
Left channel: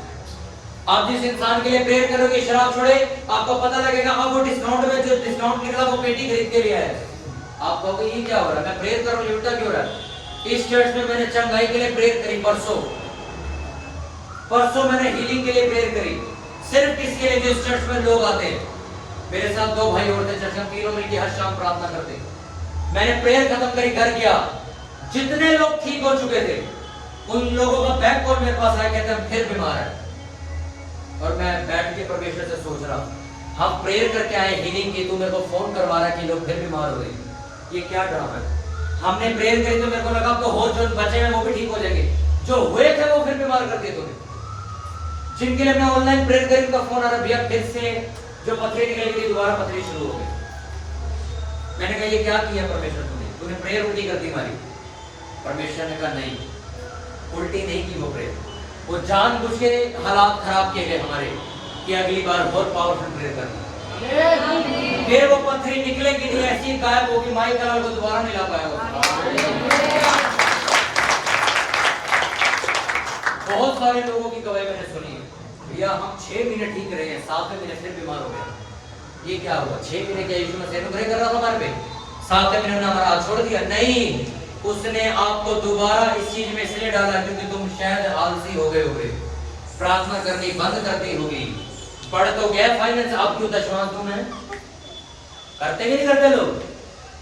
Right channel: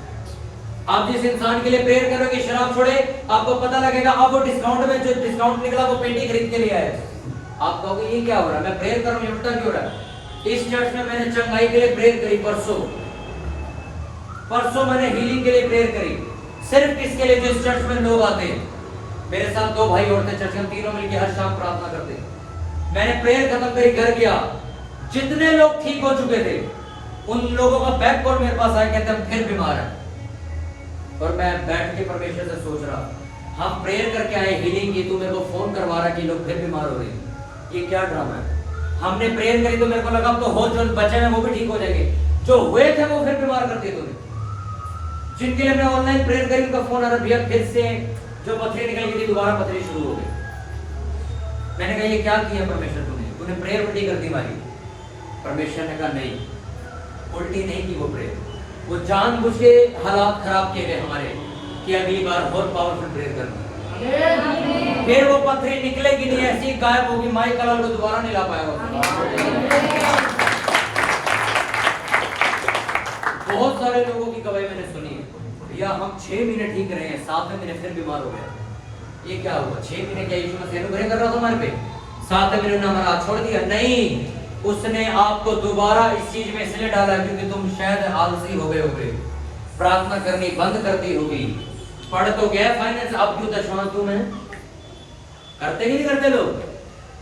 आप जिस इंसान के लिए प्रेयर करोगे शराब छोड़े, आपको पता लगेगा अब वो डिस्काउंट में जो डिस्काउंट निकला वो पेटी खरीद के ले आया है। आप कहोगे ये क्या हो रहा है, मैं प्रेयर कर रहा हूं, ये उल्टा क्यों हो रहा है? इस चर्च में मैंने चंगाई के लिए प्रेयर करी, परसों मैंने हीलिंग के लिए प्रेयर करी। सिर्फ किसके लिए? जिस चर्च में लोग आते हैं। मेरे साथ 2 भाई और थे चर्च, हम तीनों मिलकर हर शाम प्रार्थना करते। मैंने प्रेयर खत्म करी, घर गया, जितने लोग ठीक हो चुके थे उन लोगों का बैक कॉल मेरे पास आया, कहते हम फिर बीमार है। और मैं बैठ के परमेश्वर से सोच रहा, हम प्रेयर करके आए हीलिंग की, तू मेरे को फोन करवा रहा है कि लोग फिर बीमार हो रहे हैं, ये क्या ड्रामा है? हमने प्रेयर करी तो मेरे को लगा तो हो, जो बचे हैं वो भी ठीक हो जाएंगे, जो हुए थे वो फिर बीमार करते तुम्हें। जिनके लिए मैं ऑनलाइन प्रेयर करी उनका फोन आ रहा, भैया फिर से जो पथरी निकल गई थी दोबारा पथरी शुरू हो गई। मैंने कहा ये क्या किया परमेश्वर तूने प्रेयर उल्टी कर दी हमारी। परमेश्वर ने कहा नहीं, उल्टी नहीं की वो प्रेयर, वो जानबूझ के हालात खराब किए गए हमारे कि अगली बार बहुत पावरफुल प्रेयर करनी। फिर वो पथरी निकलेगी नहीं, ऐसी गायब होगी, माइक का लोग दोबारा नहीं ला पाया होगा। बहुत सारे लोगों की गवाही मैंने सुनी है, भैया हम 6 महीने ठीक रहे हैं, 7वें महीने फिर बीमार हो गए। ये क्या हुआ? 6 महीने क्या यीशु मसीह अनुग्रह कर रहा था हमारे पे? 7वें महीने ने हमारा छोड़ दिया? नहीं, उसने आपको दोबारा इस चीज में इसलिए डाला क्योंकि तुम शायद आलसी हो गए होगे, प्रार्थना करनी बंद कर दी होगी। पढ़ तो गया फाइनेंस, अब क्यों दशवां तुम्हें करते भी नहीं करते लोग।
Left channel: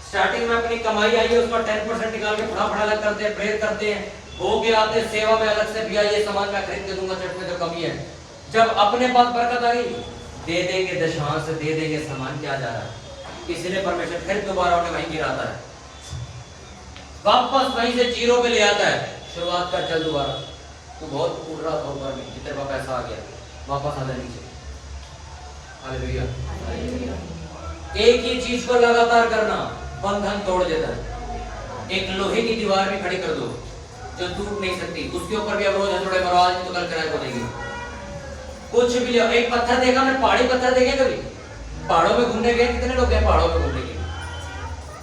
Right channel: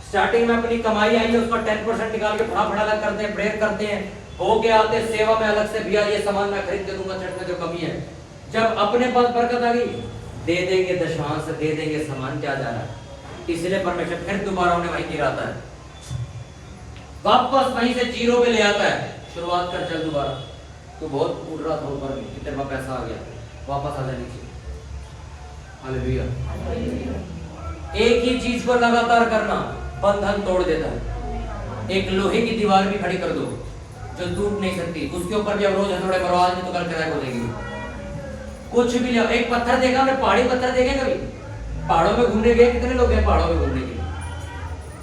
स्टार्टिंग में अपनी कमाई आई है उसका 10% निकाल के फटाफट अलग करते हैं, प्रेयर करते हैं, हो गया आते सेवा में अलग से, भैया ये सामान मैं खरीद के दूंगा, चर्च में तो कमी है। जब अपने पास बरकत आ गई, दे देंगे दशवांश, दे देंगे सामान, क्या जा रहा है? इसलिए परमेश्वर फिर दोबारा उन्हें वहीं गिराता है, वापस वहीं से जीरो पे ले आता है। शुरुआत कर चल दोबारा, तो बहुत उड़ रहा था ऊपर में, तेरे पास पैसा आ गया, वापस आ जा नीचे। हालेलुया। एक ही चीज को लगातार करना बंधन तोड़ देता है। एक लोहे की दीवार भी खड़ी कर दो जो टूट नहीं सकती, उसके ऊपर भी अब रोज थोड़े मरो, आज नहीं तो कल क्रैक हो जाएगी। कुछ भी ले, एक पत्थर देखा हमने, पहाड़ी पत्थर देखे कभी? पहाड़ों में घूमने गए, कितने लोग गए पहाड़ों में घूमने के लिए?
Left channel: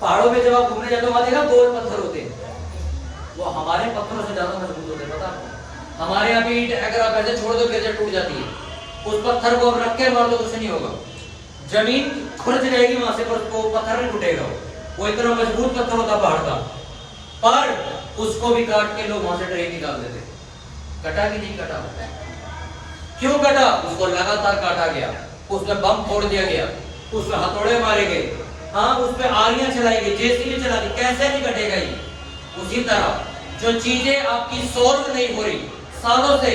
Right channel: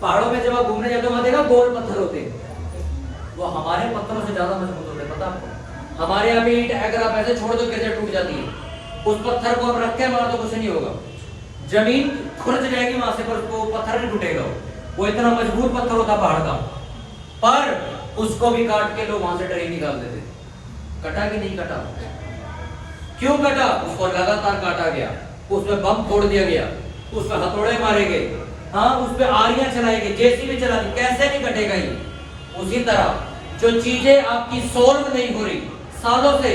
पहाड़ों में जब आप घूमने जाते हो वहां देखा गोल पत्थर होते हैं, वो हमारे पत्थरों से ज्यादा मजबूत होते हैं, पता आपको? हमारे यहाँ पे ईंट अगर आप ऐसे छोड़ दो गिरते टूट जाती है, उस पत्थर को अब रख के मार दो कुछ नहीं होगा, जमीन खुरच जाएगी वहां से, पर उसको पत्थर नहीं टूटेगा। वो इतना मजबूत पत्थर होता पहाड़ का, पर उसको भी काट के लोग वहां से ट्रेन निकाल देते। कटा कि नहीं कटा? क्यों कटा? उसको लगातार काटा गया, उस पर बम फोड़ दिया गया, उस पर हथौड़े मारे गए, हाँ उस पर आरियां चलाई गई, जेसीबी चला दी, कैसे नहीं कटेगा ये? उसी तरह जो चीजें आपकी सॉल्व नहीं हो रही सालों से,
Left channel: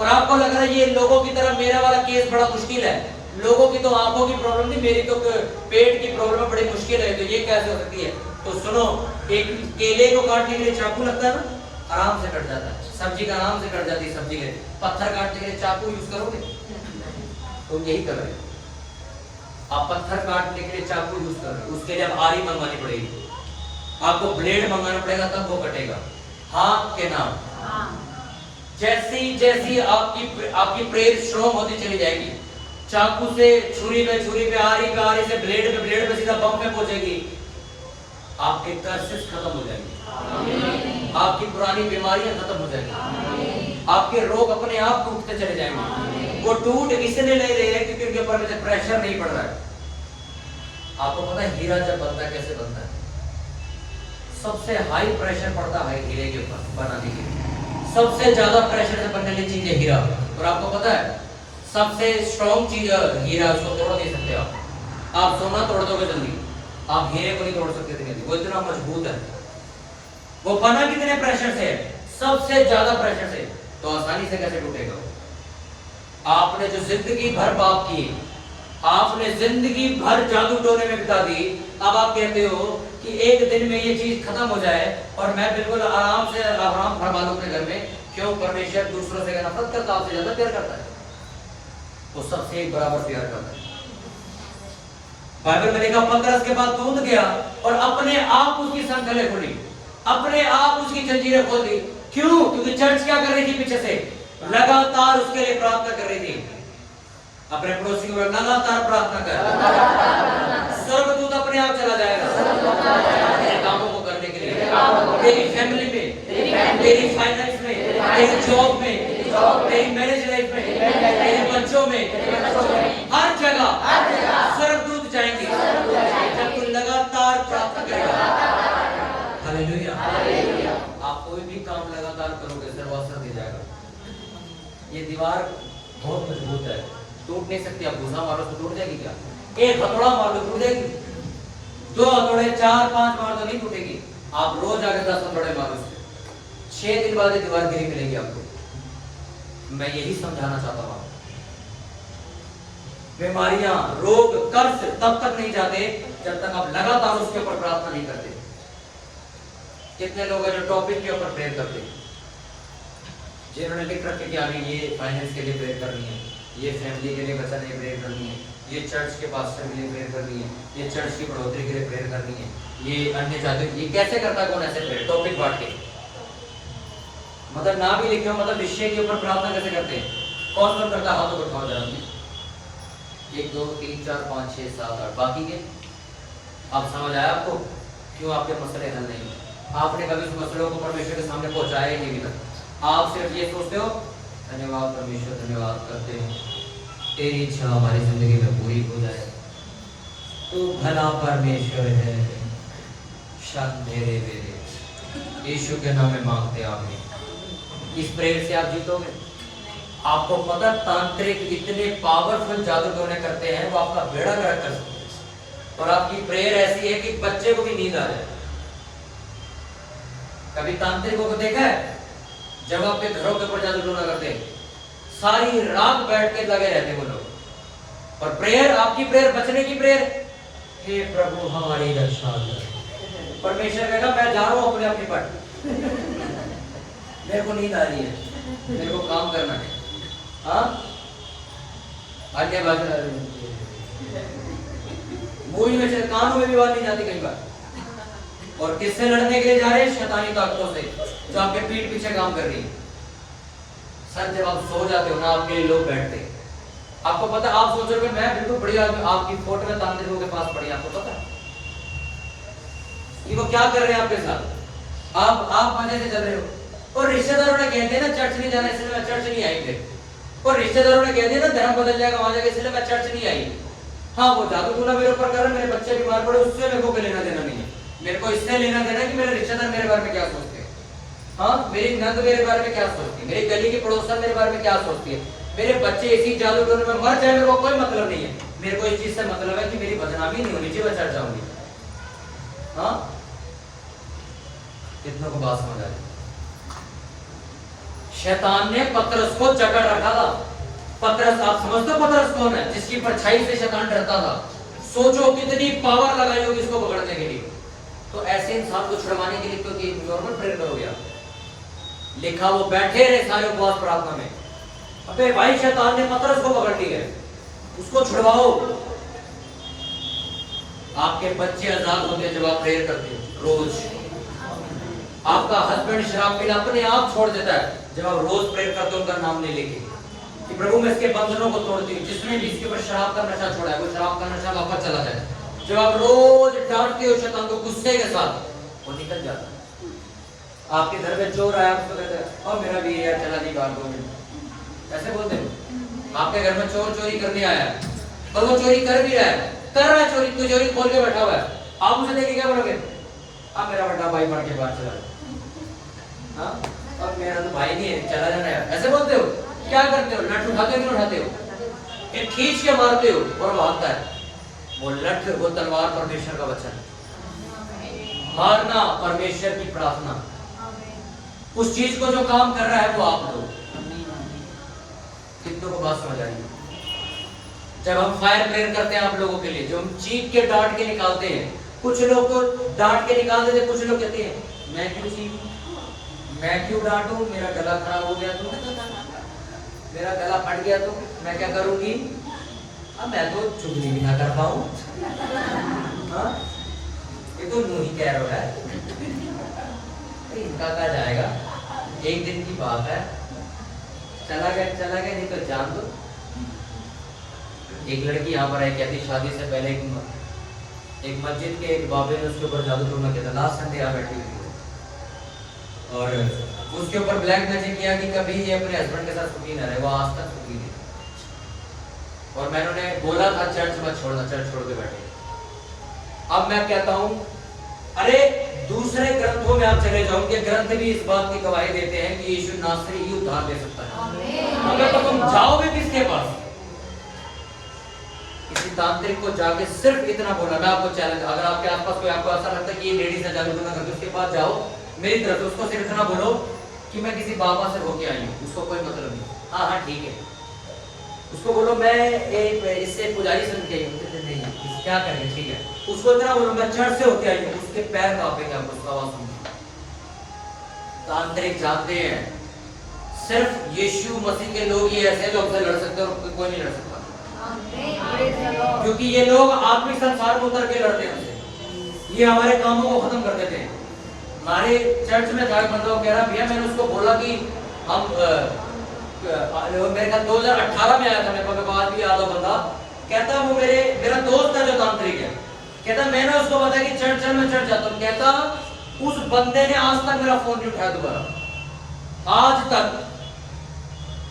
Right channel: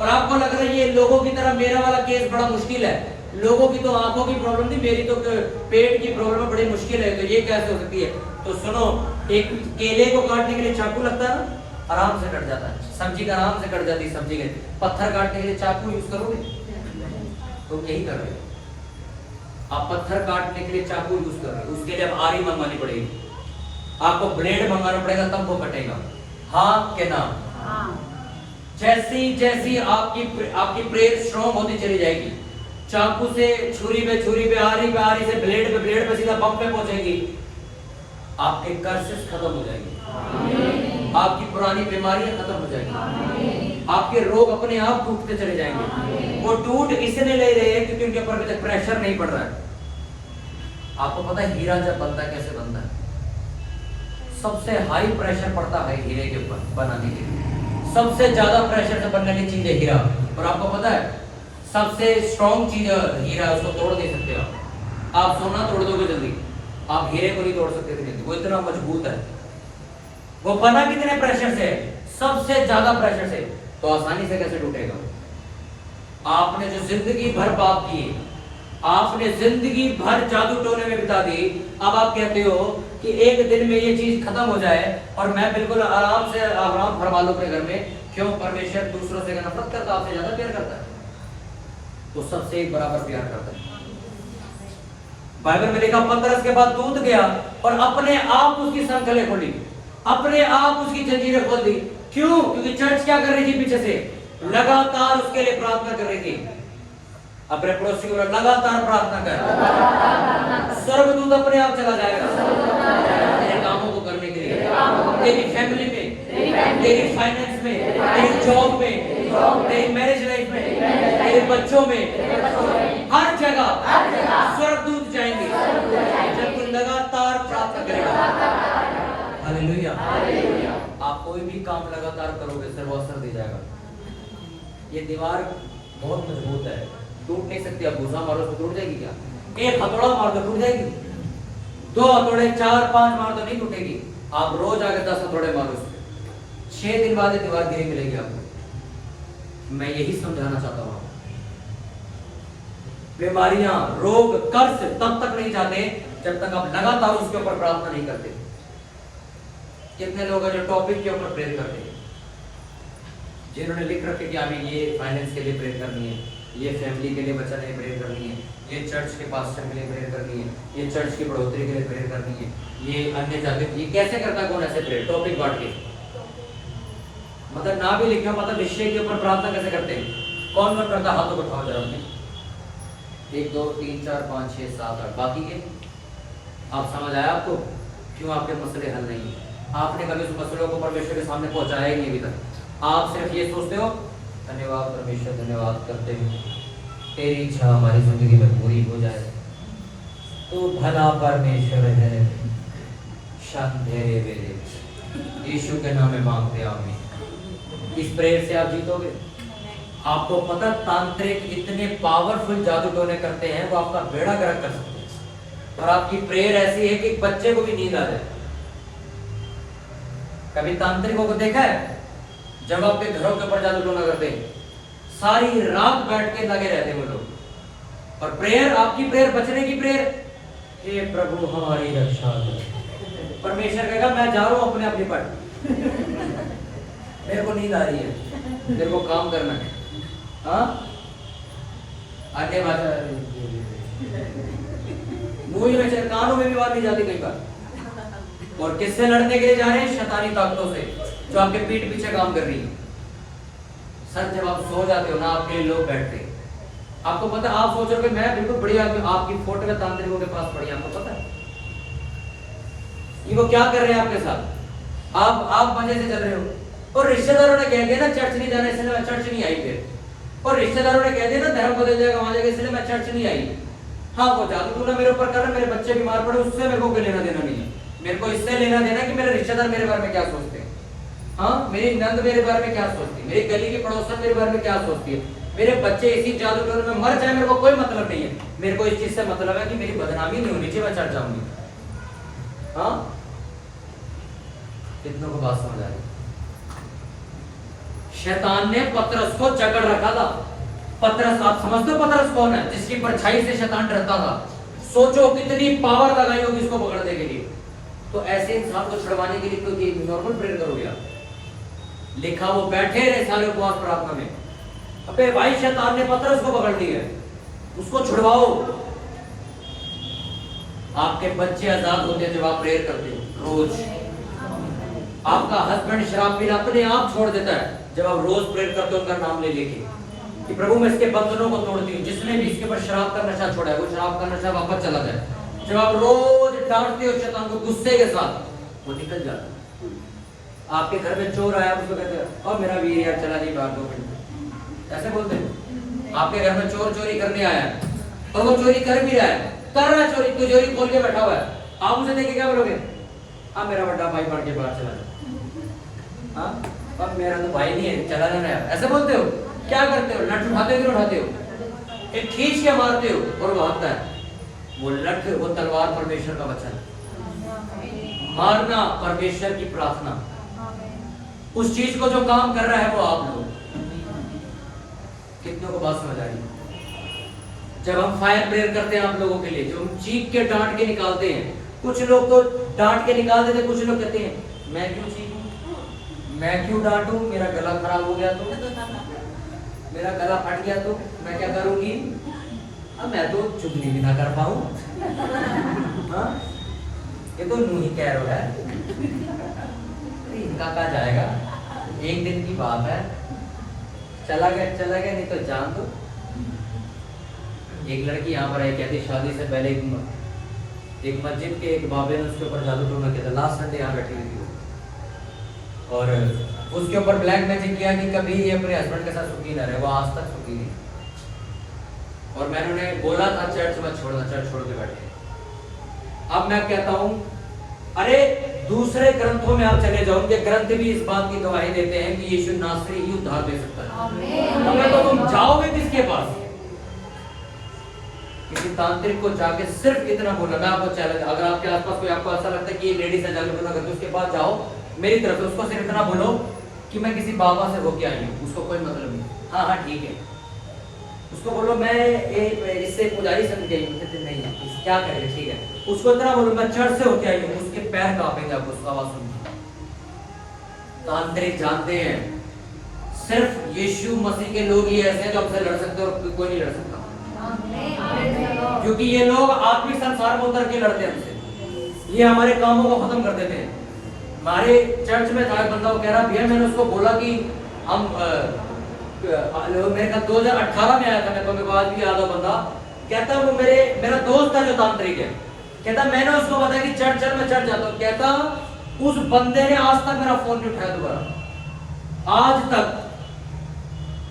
और आपको लग रहा है ये लोगों की तरह मेरा वाला केस बड़ा मुश्किल है, लोगों की तो आंखों की प्रॉब्लम नहीं, मेरी तो पेट की प्रॉब्लम बड़ी मुश्किल है, तो ये कैसे हो सकती है? तो सुनो, एक केले को काटने के लिए चाकू लगता है ना, आराम से कट जाता है, सब्जी का आराम से कट जाती है सब्जी के, पत्थर काटने के लिए चाकू यूज करोगे? तो यही कर रहे हो आप, पत्थर काटने के लिए चाकू यूज कर रहे हो, उसके लिए अब आरी मंगवानी पड़ेगी, आपको ब्लेड मंगाना पड़ेगा, तब वो कटेगा। हाँ के ना? जैसी जैसी आपकी प्रेयर स्ट्रॉन्ग होती चली जाएगी, चाकू से छुरी पे, आरी से ब्लेड पे सीधा बम पे पहुंचेगी, आपके कर्सेस खत्म हो जाएंगे, आपकी पुरानी बीमारियां खत्म हो जाएंगी, आपके रोग अपने आप टूटते चले जाएंगे। वो टूट इसलिए ले रहे हैं क्योंकि उनके ऊपर अभी तक प्रेशर नहीं पड़ रहा है। आपको पता है हीरा जब बनता है कैसे बनता है? सबसे हाई प्रेशर पड़ता है हीरे के ऊपर बनाने के लिए, सबसे ज्यादा प्रेशर से बनने वाली चीज है हीरा। और आपको पता है सबसे स्ट्रॉन्ग चीज हीरा, उसको तोड़ नहीं सकते आप सोना तोड़ दोगे जल्दी, आप हीरे को नहीं तोड़ सकते थे, वो इतना मजबूत है। वो बना कितने प्रेशर से है? सबसे ज्यादा प्रेशर से, तो आसानी से कैसे टूटेगा? आपने जो जिंदगी भर पाप किए, आपने जिंदगी भर जादू टोने में बिता दी, अब आप कहते हो कि एक दिन में ये चीज खत्म हो जाए और मैं बिल्कुल आराम से आराम फरमा लूं अपने घर में। क्यों? परमेश्वर दूसरों से नफरत करता, आपसे ज्यादा प्यार करता है। वो सबसे एक बराबर प्यार करता है। बाइबल में देखा पतरस के बाद दूत गया और अपने आप उसकी संखलें खोली, अपने आप उसकी जंजीरें खोल दी। क्यों? क्योंकि चर्च क्या कर रही थी? पीछे से लगातार उसके लिए प्रार्थना कर रही थी। अपने पड़ोसी को लगातार प्रार्थना कर, स्वर्गदूत अपने आप चला जाएगा तेरे कामों को करने के लिए, तेरी फैमिली में, तेरी फाइनेंस में, तेरी जॉब में, तेरी मैरिज लाइफ में, तेरे बच्चों में, हर जगह स्वर्गदूत जाएंगे जब तू लगातार प्रार्थना करेगा। हालेलुया। आप कोई भी काम लगातार करोगे सिर्फ अवसर दे जाएगा। ये दीवार बहुत मजबूत है, टूट नहीं सकती। आप गुस्सा मारो तो टूट जाएगी क्या? एक हथौड़ा मार दो टूट जाएगी, 2 हथौड़े 4-5 मार दो नहीं टूटेगी। आप रोज आगे 10 हथौड़े मारो उससे, 6 दिन बाद ये दीवार गिरी मिलेगी आपको। मैं यही समझाना चाहता हूँ। बीमारियां, रोग, कर्ज तब तक नहीं जाते जब तक आप लगातार उसके ऊपर प्रार्थना नहीं करते। कितने लोग हैं जो टॉपिक के ऊपर प्रेयर करते हैं, जिन्होंने लिख रखे कि हमें ये फाइनेंस के लिए प्रेयर करनी है, ये फैमिली के लिए बचाने के लिए प्रेयर करनी है, ये चर्च के पास्टर के लिए प्रेयर करनी है, ये चर्च की बढ़ोतरी के लिए प्रेयर करनी है, ये अन्य जाति। ये कैसे करता कौन ऐसे प्रेयर? टॉपिक बांट के, मतलब ना भी लिखे हो, मतलब विषय के ऊपर प्रार्थना कैसे करते हैं? कौन कौन करता? हाथों को उठाओ जरा अपने। 1 2 3 4 5 6 7 8 बाकी के आप समझ आया आपको क्यों आपके मसले हल नहीं? आपने कभी उस मसलों को परमेश्वर के सामने पहुंचाया ही नहीं अभी तक। आप सिर्फ ये सोचते हो धन्यवाद परमेश्वर, धन्यवाद करते हैं, तेरी इच्छा हमारी जिंदगी में पूरी हो जाए। तू भला परमेश्वर है, शान तेरे बेरे। यीशु के नाम में मांगते आमीन। इस प्रेयर से आप जीतोगे। आपको पता तांत्रिक इतने पावरफुल जादू टोने करते हैं, वो आपका बेड़ा गर्क कर सकते हैं। और आपकी प्रेयर ऐसी है कि बच्चे को भी नींद आ जाए। कभी तांत्रिकों को देखा है जब आपके घरों के ऊपर जादू टोना करते हैं, सारी रात बैठ के लगे रहते हैं वो लोग। और प्रेयर, आपकी प्रेयर बचने की प्रेयर, हे प्रभु हमारी रक्षा कर। परमेश्वर कहेगा मैं जा रहा हूं अपने अपने पर, मेरे को नींद आ रही है, मेरे को काम करना है। हाँ आटे बाजार मूवी में कानों में भी बात नहीं जाती कई बार। और किससे लड़ने के लिए जा रहे हैं? शैतानी ताकतों से जो आपके पीठ पीछे काम कर रही है। सर जब आप सो जाते हो ना, आपके लिए लोग बैठते। आपको पता, आप सोच रहे हो मैं बिल्कुल बढ़िया आदमी, आपकी फोटो में तांत्रिकों के पास पड़ी। आपको पता है ये वो क्या कर रहे हैं आपके साथ? आप मजे से चल रहे हो। और रिश्तेदारों ने कह दिया ना चर्च नहीं जाना, इसलिए मैं चर्च नहीं आई। फिर और रिश्तेदारों ने कह दिया ना धर्म बदल जाएगा वहां जाएगा, इसलिए मैं चर्च नहीं आई। हाँ वो जादू टोना मेरे ऊपर कर रहा है, मेरे बच्चे बीमार पड़े, उससे मेरे को लेना देना नहीं है। मेरे को इससे लेना देना कि मेरे रिश्तेदार मेरे बारे में क्या सोचते हैं। हाँ मेरी नंद मेरे बारे में क्या सोचती है, मेरी गली की पड़ोसन मेरे बारे में क्या सोचती है, मेरे बच्चे इसी जादू टोने में मर जाए, मेरे को कोई मतलब नहीं है। मेरे को इस चीज से मतलब है कि मेरी बदनामी नहीं होनी चाहिए, मैं चढ़ जाऊंगी। हाँ कितनों को बात समझ आ रही? शैतान ने पतरस को जकड़ रखा था। पतरस, आप समझते हो पतरस कौन है? जिसकी परछाई से शैतान डरता था। सोचो कितनी पावर लगाई होगी इसको पकड़ने के लिए। तो ऐसे इंसान को छुड़वाने के लिए क्योंकि नॉर्मल प्रेयर करोगे आप? लिखा वो बैठे रहे सारे उपवास प्रार्थना में। अबे भाई शैतान ने पतरस को पकड़ लिया है, उसको छुड़वाओ। आपके बच्चे आजाद होते हैं जब आप प्रेयर करते हो रोज। आपका हस्बैंड शराब पीना अपने आप छोड़ देता है जब आप रोज प्रेयर करते हो उनका नाम ले लेके कि प्रभु मैं इसके बंधनों को तोड़ती हूँ। जिसने भी इसके ऊपर शराब का नशा छोड़ा है वो शराब का नशा वापस चला जाए। जब आप रोज डांटती हो शैतान को गुस्से के साथ, वो निकल जाता है। आपके घर में चोर आया, उसको कहते हैं और मेरा भी यार चला नहीं बाहर 2 मिनट, ऐसे बोलते हैं। आपके घर में चोर चोरी करने आया है और वो चोरी कर भी रहा है, कर रहा है चोरी, तो चोरी खोल के बैठा हुआ है। आप उसे देखे क्या बोलोगे? अब मेरा बड़ा भाई बढ़ के बाहर चला जाए। हाँ अब मेरा तो भाई नहीं है, चला जाना यार, ऐसे बोलते हो? क्या करते हो? लठ उठाते हो कि उठाते हो? एक खींच के मारते हो और वो आता है। वो लठ, वो तलवार परमेश्वर का वचन, मारना परमेश्वर की प्रार्थना। उस चीज को जो काम कर रहा है वो आप लोग। कितनों को बात समझ आ रही है? जब हम फायर प्रेयर करते हैं आप लोगों के लिए, जो हम चीख के डांट के निकालते हैं, कुछ लोग तो डांट के निकाल देते, कुछ लोग कहते हैं मैं क्यों चीखूं, मैं क्यों डांटूं, मेरा गला खराब हो गया तो। मेरा गला फट गया तो मैं क्या करूंगी? अब मैं तो चुगली भी ना कर पाऊं। हाँ, ये तो नू ही कह रहा है। इनका कहा जाएगा, एक दिन की बात है, चला गया नहीं तो जान दो। एक लड़की यहाँ पर आई, कहती शादी से पहले एक मस्जिद के एक बाबे ने उसके ऊपर जादू टोना किया था। लास्ट संडे यहाँ बैठी हुई थी वो, और उसके ऊपर ब्लैक मैजिक किया कि कभी ये अपने हस्बैंड के साथ सुखी ना रहे। वो आज तक सुखी नहीं। और मैंने उन्हें बोला था चर्च मत छोड़ना, चर्च छोड़ के बैठे। अब मैं कहता हूँ, अरे दूसरे ग्रंथों में आप चले जाओ, उनके ग्रंथ भी इस बात की गवाही देते हैं कि यीशु नासरी ही उद्धार दे सकता है। तो तुम जाओगे किसके पास? किसी तांत्रिक को जाके सिर्फ इतना बोला। मैं आपको चैलेंज, अगर आपके आसपास कोई आपको ऐसा लगता है कि ये लेडीज है जादू टोना करती, उसके पास जाओ मेरी तरफ से, उसको सिर्फ इतना बोलो कि मैं किसी बाबा से होके आई हूँ। उसको कोई मतलब नहीं। हाँ हाँ ठीक है। उसको बोलो मैं इससे पुजारी समझ गई हूँ। नहीं, क्या करें, ठीक है। उसको इतना बोलो मैं चर्च से होके आई हूँ। उसके पैर कांपेंगे आपको उसका आवाज सुन। तांत्रिक जानते हैं सिर्फ यीशु मसीह के लोग ही ऐसे हैं जो आपसे लड़ सकते हैं और कोई नहीं लड़ सकता। क्योंकि ये लोग आत्मिक संसार में उतर के लड़ते हैं हमसे। ये हमारे कामों को खत्म कर देते हैं। हमारे चर्च में था एक बंदा, वो कह रहा भैया मैंने उसको बोला कि हम मेरे का 2018 में आया था, मेरे को आज भी याद है बंदा, कहता वो मेरा दोस्त है जो तांत्रिक है। कहता मैंने उसको बताया कि चर्च चल, मैं चर्च जाता हूँ। कहता उस बंदे ने आज तक मेरा फोन नहीं उठाया दोबारा, आज तक।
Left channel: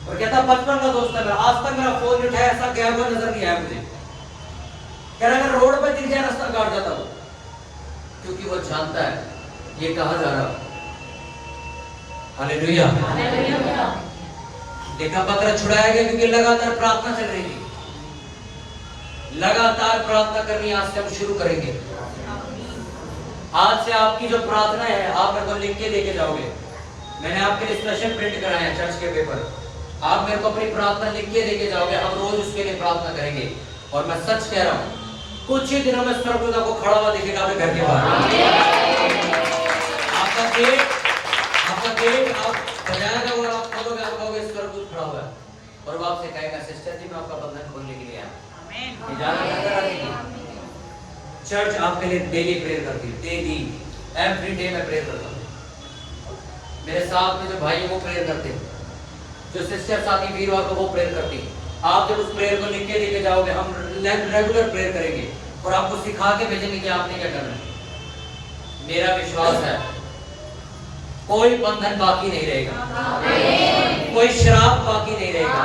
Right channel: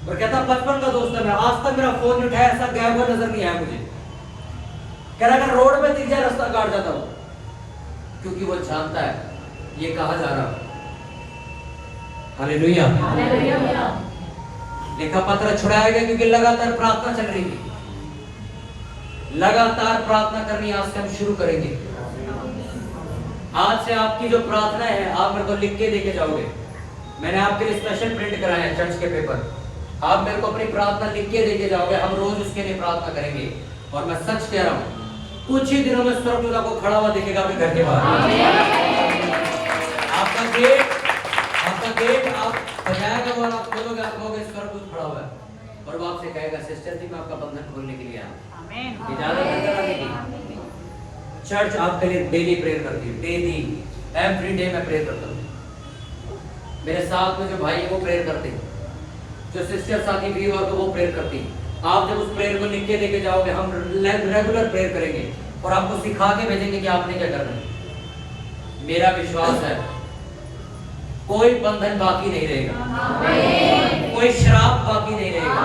और कहता 55 का दोस्त है मेरा, आज तक मेरा फोन नहीं उठाया, ऐसा गया हुआ नजर नहीं आया मुझे। कह रहा अगर रोड पे दिख जाए रास्ता काट जाता हूँ, क्योंकि वो जानता है ये कहा जा रहा। हालेलुया। देखा पत्र छुड़ाया गया क्योंकि लगातार प्रार्थना चल रही थी। लगातार प्रार्थना करनी आज से हम शुरू करेंगे। आज से आपकी जो प्रार्थना है आप मेरे को लिख के लेके जाओगे। मैंने आपके लिए स्पेशल प्रिंट कराया है चर्च के पेपर। आप मेरे को अपनी प्रार्थना लिख के लेके जाओगे, हम रोज उसके लिए प्रार्थना करेंगे। और मैं सच कह रहा हूं, कुछ ही दिनों में स्वर्गदूत आपको खड़ा हुआ दिखेगा अपने घर के बाहर। आपका गेट आप बजाएगा वो आप खोलोगे, आप कहोगे स्वर्गदूत खड़ा हुआ है, और वो आपसे कहेगा सिस्टर जी मैं आपका बंधन खोलने के लिए आया। आमीन। इजाजत अंदर आने की। चर्च आपके लिए डेली प्रेयर करती है, डेली एवरी डे मैं प्रेयर करता हूँ। मेरे साथ में जो भाई है वो प्रेयर करते हैं, जो सिस्टर साथी वीरवार को वो प्रेयर करती है। आप जब उस प्रेयर को लिख के लेके जाओगे, हम रेगुलर प्रेयर करेंगे और आपको सिखा के भेजेंगे कि आपने क्या करना है। मेरा विश्वास है कोई बंधन बाकी नहीं रहेगा, कोई श्राप बाकी नहीं रहेगा,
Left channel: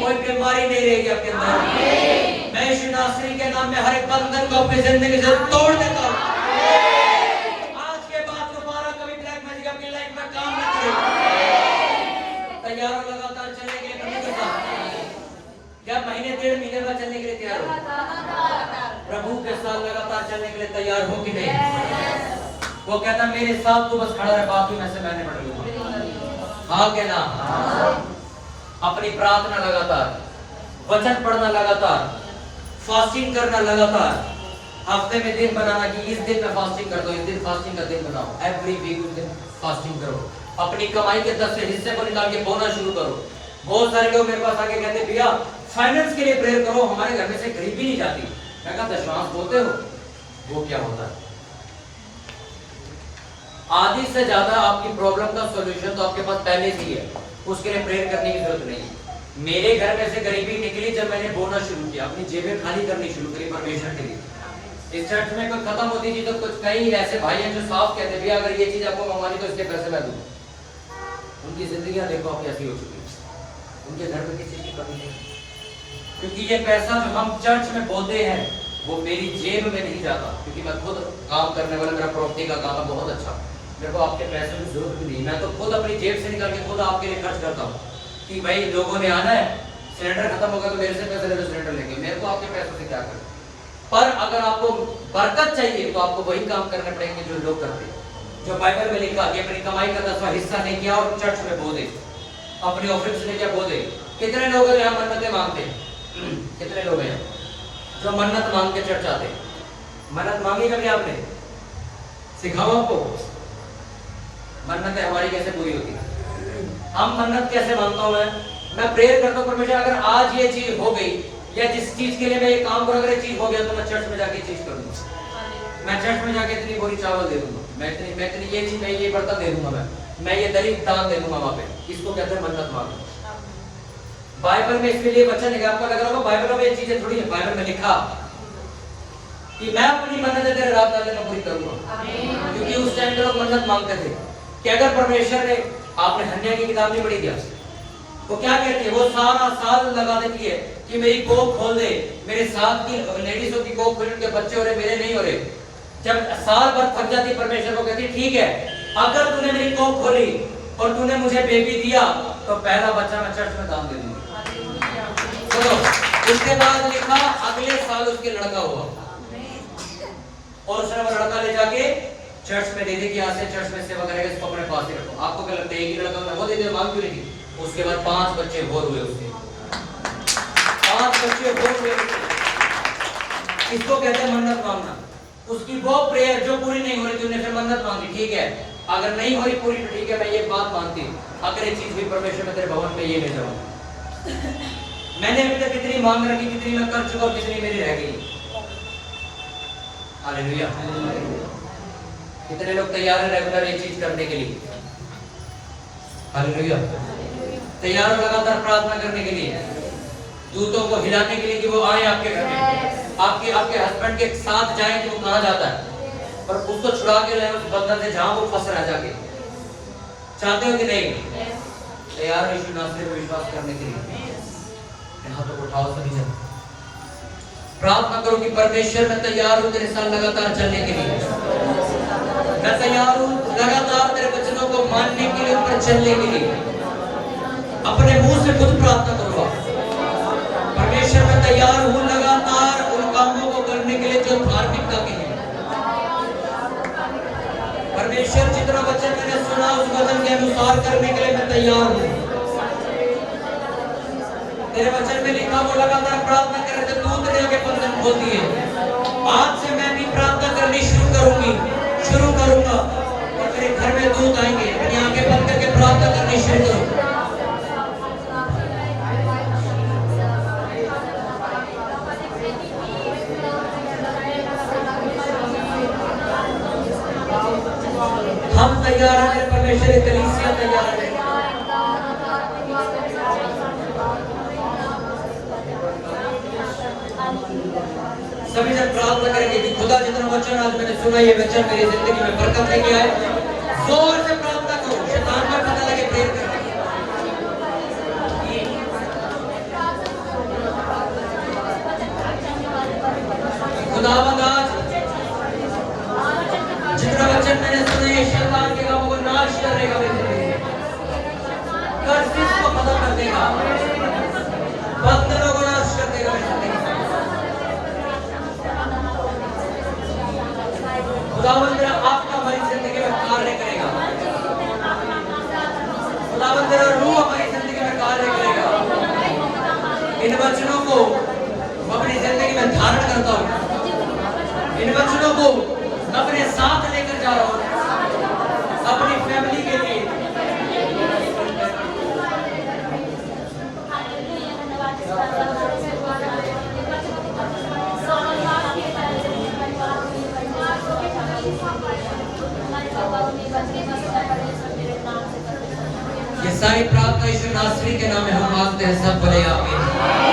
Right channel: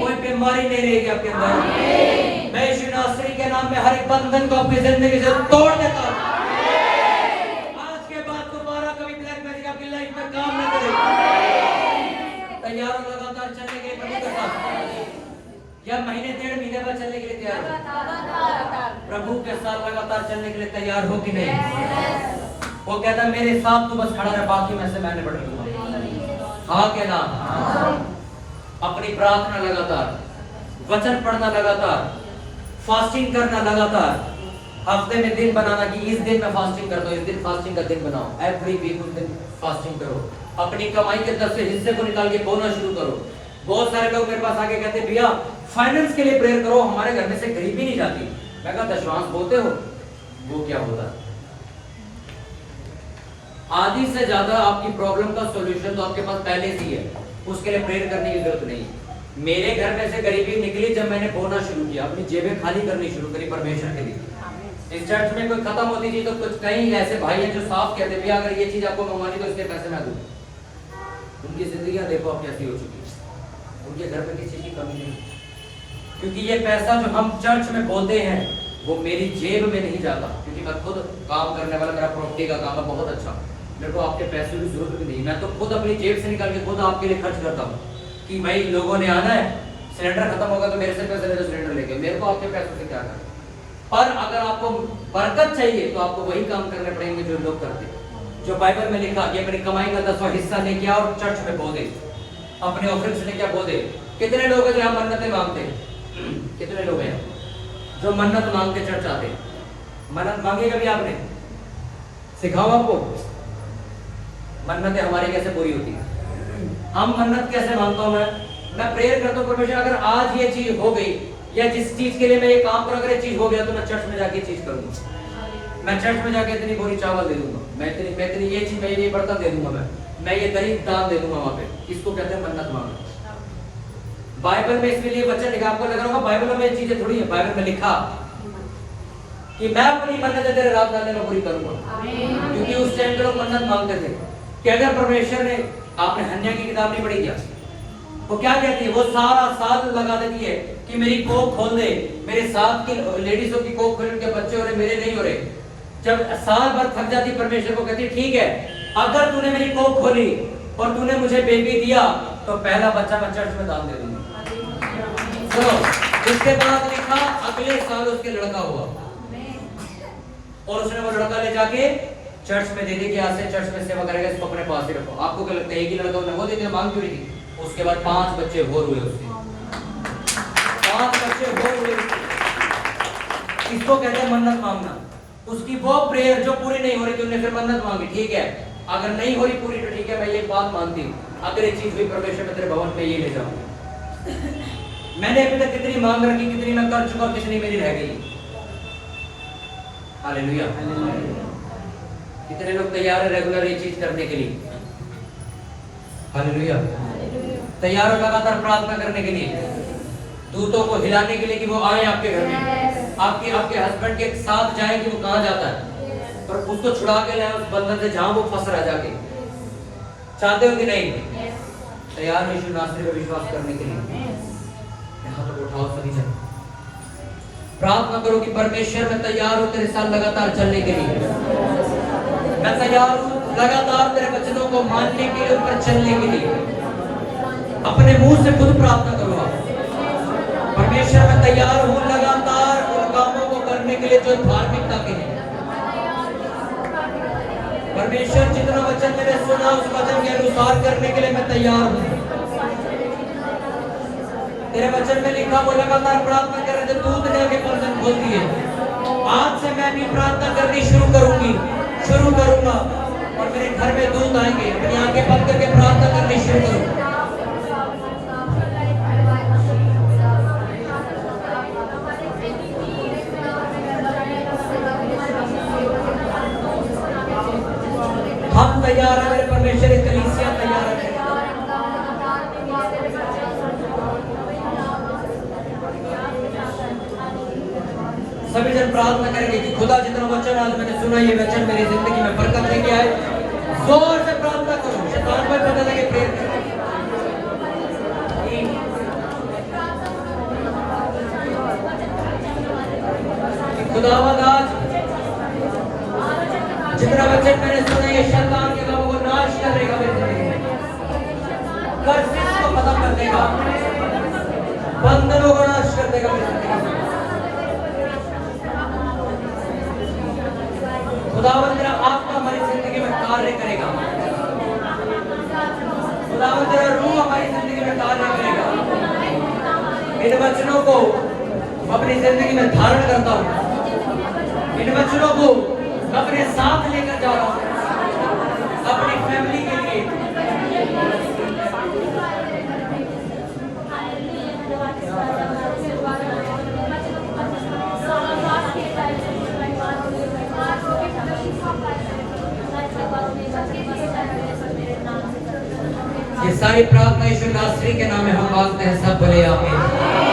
कोई बीमारी नहीं रहेगी आपके अंदर। मैं यीशु नासरी के नाम में हर एक बंधन को अपनी जिंदगी से तोड़ देता हूं। आज के बाद दोबारा कभी ब्लैक मैजिक आपकी लाइफ में काम न करेगा। तैयार हो, लगातार चलेंगे या महीने 1.5 महीने में चलने के लिए तैयार हो? प्रभु के साथ लगातार चलने के लिए तैयार हो कि नहीं? वो कहता मेरे साथ तो बस खड़ा रहे, बाकी में से मैंने बढ़ लूंगा। हाँ के नाम। अपनी प्रार्थना लगातार, वचन पढ़ना लगातार, फास्टिंग करना लगातार, हफ्ते में दिन बनाना कि इस दिन में फास्टिंग कर दो, इस दिन फास्टिंग का दिन बनाओ। एवरी वीक उस दिन फास्टिंग करो। अपनी कमाई के 10 हिस्से को निकाल के बोना शुरू करो। बहुत सारे लोग मेरे पास आके कहते भैया फाइनेंस के लिए प्रेयर करो, हमारे घर में से गरीबी नहीं जाती। मैं कहा दशवांश बोलते हो? वो क्या होता है? आधी से ज्यादा आपकी प्रॉब्लम का सॉल्यूशन तो आपके पास पहले से ही है, उसके लिए प्रेयर करने की जरूरत नहीं है। मेरे घर में से गरीबी निकली जब मैंने बोना शुरू किया, अपनी जेबें खाली करनी शुरू करी परमेश्वर के लिए। इस चर्च में कोई खत्म होती थी तो कुछ कई ऐसे भाई हैं जो साफ कहते भैया अगर ये चीज आपको मंगवानी तो इसके पैसे मैं दूं। उनकी जिंदगियां देखो अब कैसी हो चुकी है, उनके घर में किसी की कमी नहीं, क्योंकि ये पैसा जो हम चर्च में बोलते हैं वो मेरी जेब में नहीं जाता, क्योंकि मैं खुद काम करने वाला, मेरा प्रॉपर्टी का काम है बहुत अच्छा, मेरे को आपके पैसे की जरूरत भी नहीं। मैं तो खुद अपनी जेब से निकाल के खुद आपके लिए खर्च करता हूँ कि भाई लोगों ने आना है, सिलेंडर खत्म होगा तो मेरे से पैसे ले लो सिलेंडर लेके, मेरे को आपके पैसों से क्या करना। पर अगर आपको बरकत चाहिए तो आपको वही काम करने पड़ेंगे जो लोग करते हैं, जो बाइबल में लिखा कि अपनी कमाई का 10वां हिस्सा लेके आओ और चर्च में बो दे, अपने ऑफिस से लेके बो दे। कितने लोग हैं जो मन्नतें मांगते हैं? कितने लोग हैं जो मन्नत मांग के चर्च आते हैं? मन्नत मांगी कभी आपने? सिखाओ आपको मन्नतें हमारी कैसे पूरी होती है। हम मन्नत कैसे मांगता हूं मैं? मैं प्रेयर करता हूँ परमेश्वर अगर आज ये चीज हो गई या जिस चीज के लिए मैं ये काम करूँ अगर ये चीज हो गया तो मैं चर्च में जाके चीज करूंगा। मैं चर्च में जाके इतनी बोरी चावल दे दूंगा, मैं इतनी ये चीज, मैं ये बर्तन दे दूंगा, मैं ये गरीब दान दे दूंगा वहां पे। इसको कहते हैं मन्नत मांगो। बाइबल में इसके लिए वचन लिखा, आपको लग रहा होगा बाइबल में ये चीजें थोड़ी है, बाइबल में लिखा कि मैं अपनी मन्नत तेरे रात रात में पूरी करूंगा। क्योंकि उस टाइम के लोग मन्नत मांगते थे कि अगर परमेश्वर ने, आपने हन्या की किताब नहीं पढ़ी क्या, वो क्या कहती है, वो सारा साल लगा देती है कि मेरी कोख खोल दे, मेरे साथ की लेडीजों की कोख खोल, उनके बच्चे हो रहे, मेरे नहीं हो रहे। जब साल भर थक जाती परमेश्वर को कहती ठीक है, अगर तूने मेरी कोख खोली और तूने मुझे बेबी दिया तो पहला बच्चा मैं चर्च में दान दे दूंगी। तो इसके बाद लिखा अगले साल उसके लड़का हुआ और उसने वो लड़का ले जाके चर्च में दे दे कि आज से चर्च में सेवा करेगा, इसको अपने पास ही रखो। आपको क्या लगता है एक ही लड़का वो दे दे, मांग क्यों नहीं थी? उसके बाद 5 बच्चे और हुए उसके, 5 बच्चे और हुए। इसको कहते हैं मन्नत मांगना। उसकी वो प्रेयर जो पूरी नहीं हो रही थी, उसने फिर मन्नत मांगी, ठीक है अगर नहीं हो रही पूरी तो ठीक है, मैं ये बात मानती, अगर ये चीज हुई परमेश्वर में तेरे भवन में ये नहीं जाऊंगा। मैंने अभी तक कितनी मांग रखी, कितनी मैं कर चुका और कितनी मेरी रह गई। हालेलुया। कितने लोग तैयार है रेगुलर ये चीज करने के लिए? हालेलुया। तैयार हो लगातार प्रार्थना करने के लिए, दूतों को हिलाने के लिए कि वो आए आपके घर में, आपके हस्बैंड के साथ जाए कि वो कहां जाता है, पर उसको छुड़ा के लाए उस बंधन से जहां वो फंस रहा जाके। चाहते हो कि नहीं? तैयार हो यीशु नासरी पर विश्वास करने के लिए? यहाँ तो उठाओ सभी जन, प्रार्थना करो कि परमेश्वर मैं तैयार हूं तेरे साथ लगातार चलने के लिए। मैं तैयार हूं लगातार तेरे वचनों को मानने के लिए और चलने के लिए। अपने मुंह से खुद प्रार्थना करो, परमेश्वर मैं तैयार हूं लगातार उन कामों को करने के लिए जो धार्मिकता के हैं। परमेश्वर जितना वचन मैंने सुना उस वचन के अनुसार करने के लिए मैं तैयार हूं। तेरे वचन में लिखा वो लगातार प्रार्थना करे तो दूत ने आगे बंधन खोल दिए। आज से मैं अपनी प्रार्थना करनी शुरू करूंगा और मेरे घर में दूत आएंगे, मेरी आंखें बंद करके प्रार्थना करनी शुरू करूंगा। हम तैयार हैं, परमेश्वर की कलीसिया तैयार है। सभी जन प्रार्थना करेंगे कि खुदा जितना वचन आज मैंने सुना ये वचन मेरी जिंदगी में बरकत लेके आए। जोर से प्रार्थना करो, शैतान को पता लगे प्रेयर करके। खुदावंद आज जितना वचन मैंने सुना ये शैतान के कामों को नाश करेगा, कर्सेस को खत्म कर देगा, बंधनों को नाश कर देगा मेरी जिंदगी में। खुदावंद तेरा आत्मा हमारी जिंदगी में कार्य करेगा, खुदावंद तेरा रूह हमारी जिंदगी में कार्य करेगा। इन वचनों को अपनी जिंदगी में धारण करता हूँ, इन वचनों को अपने साथ लेकर जा रहा हूँ अपनी फैमिली के लिए। ये सारी प्रार्थना यीशु नासरी के नाम में हम मांगते हैं, सब बोले आमीन।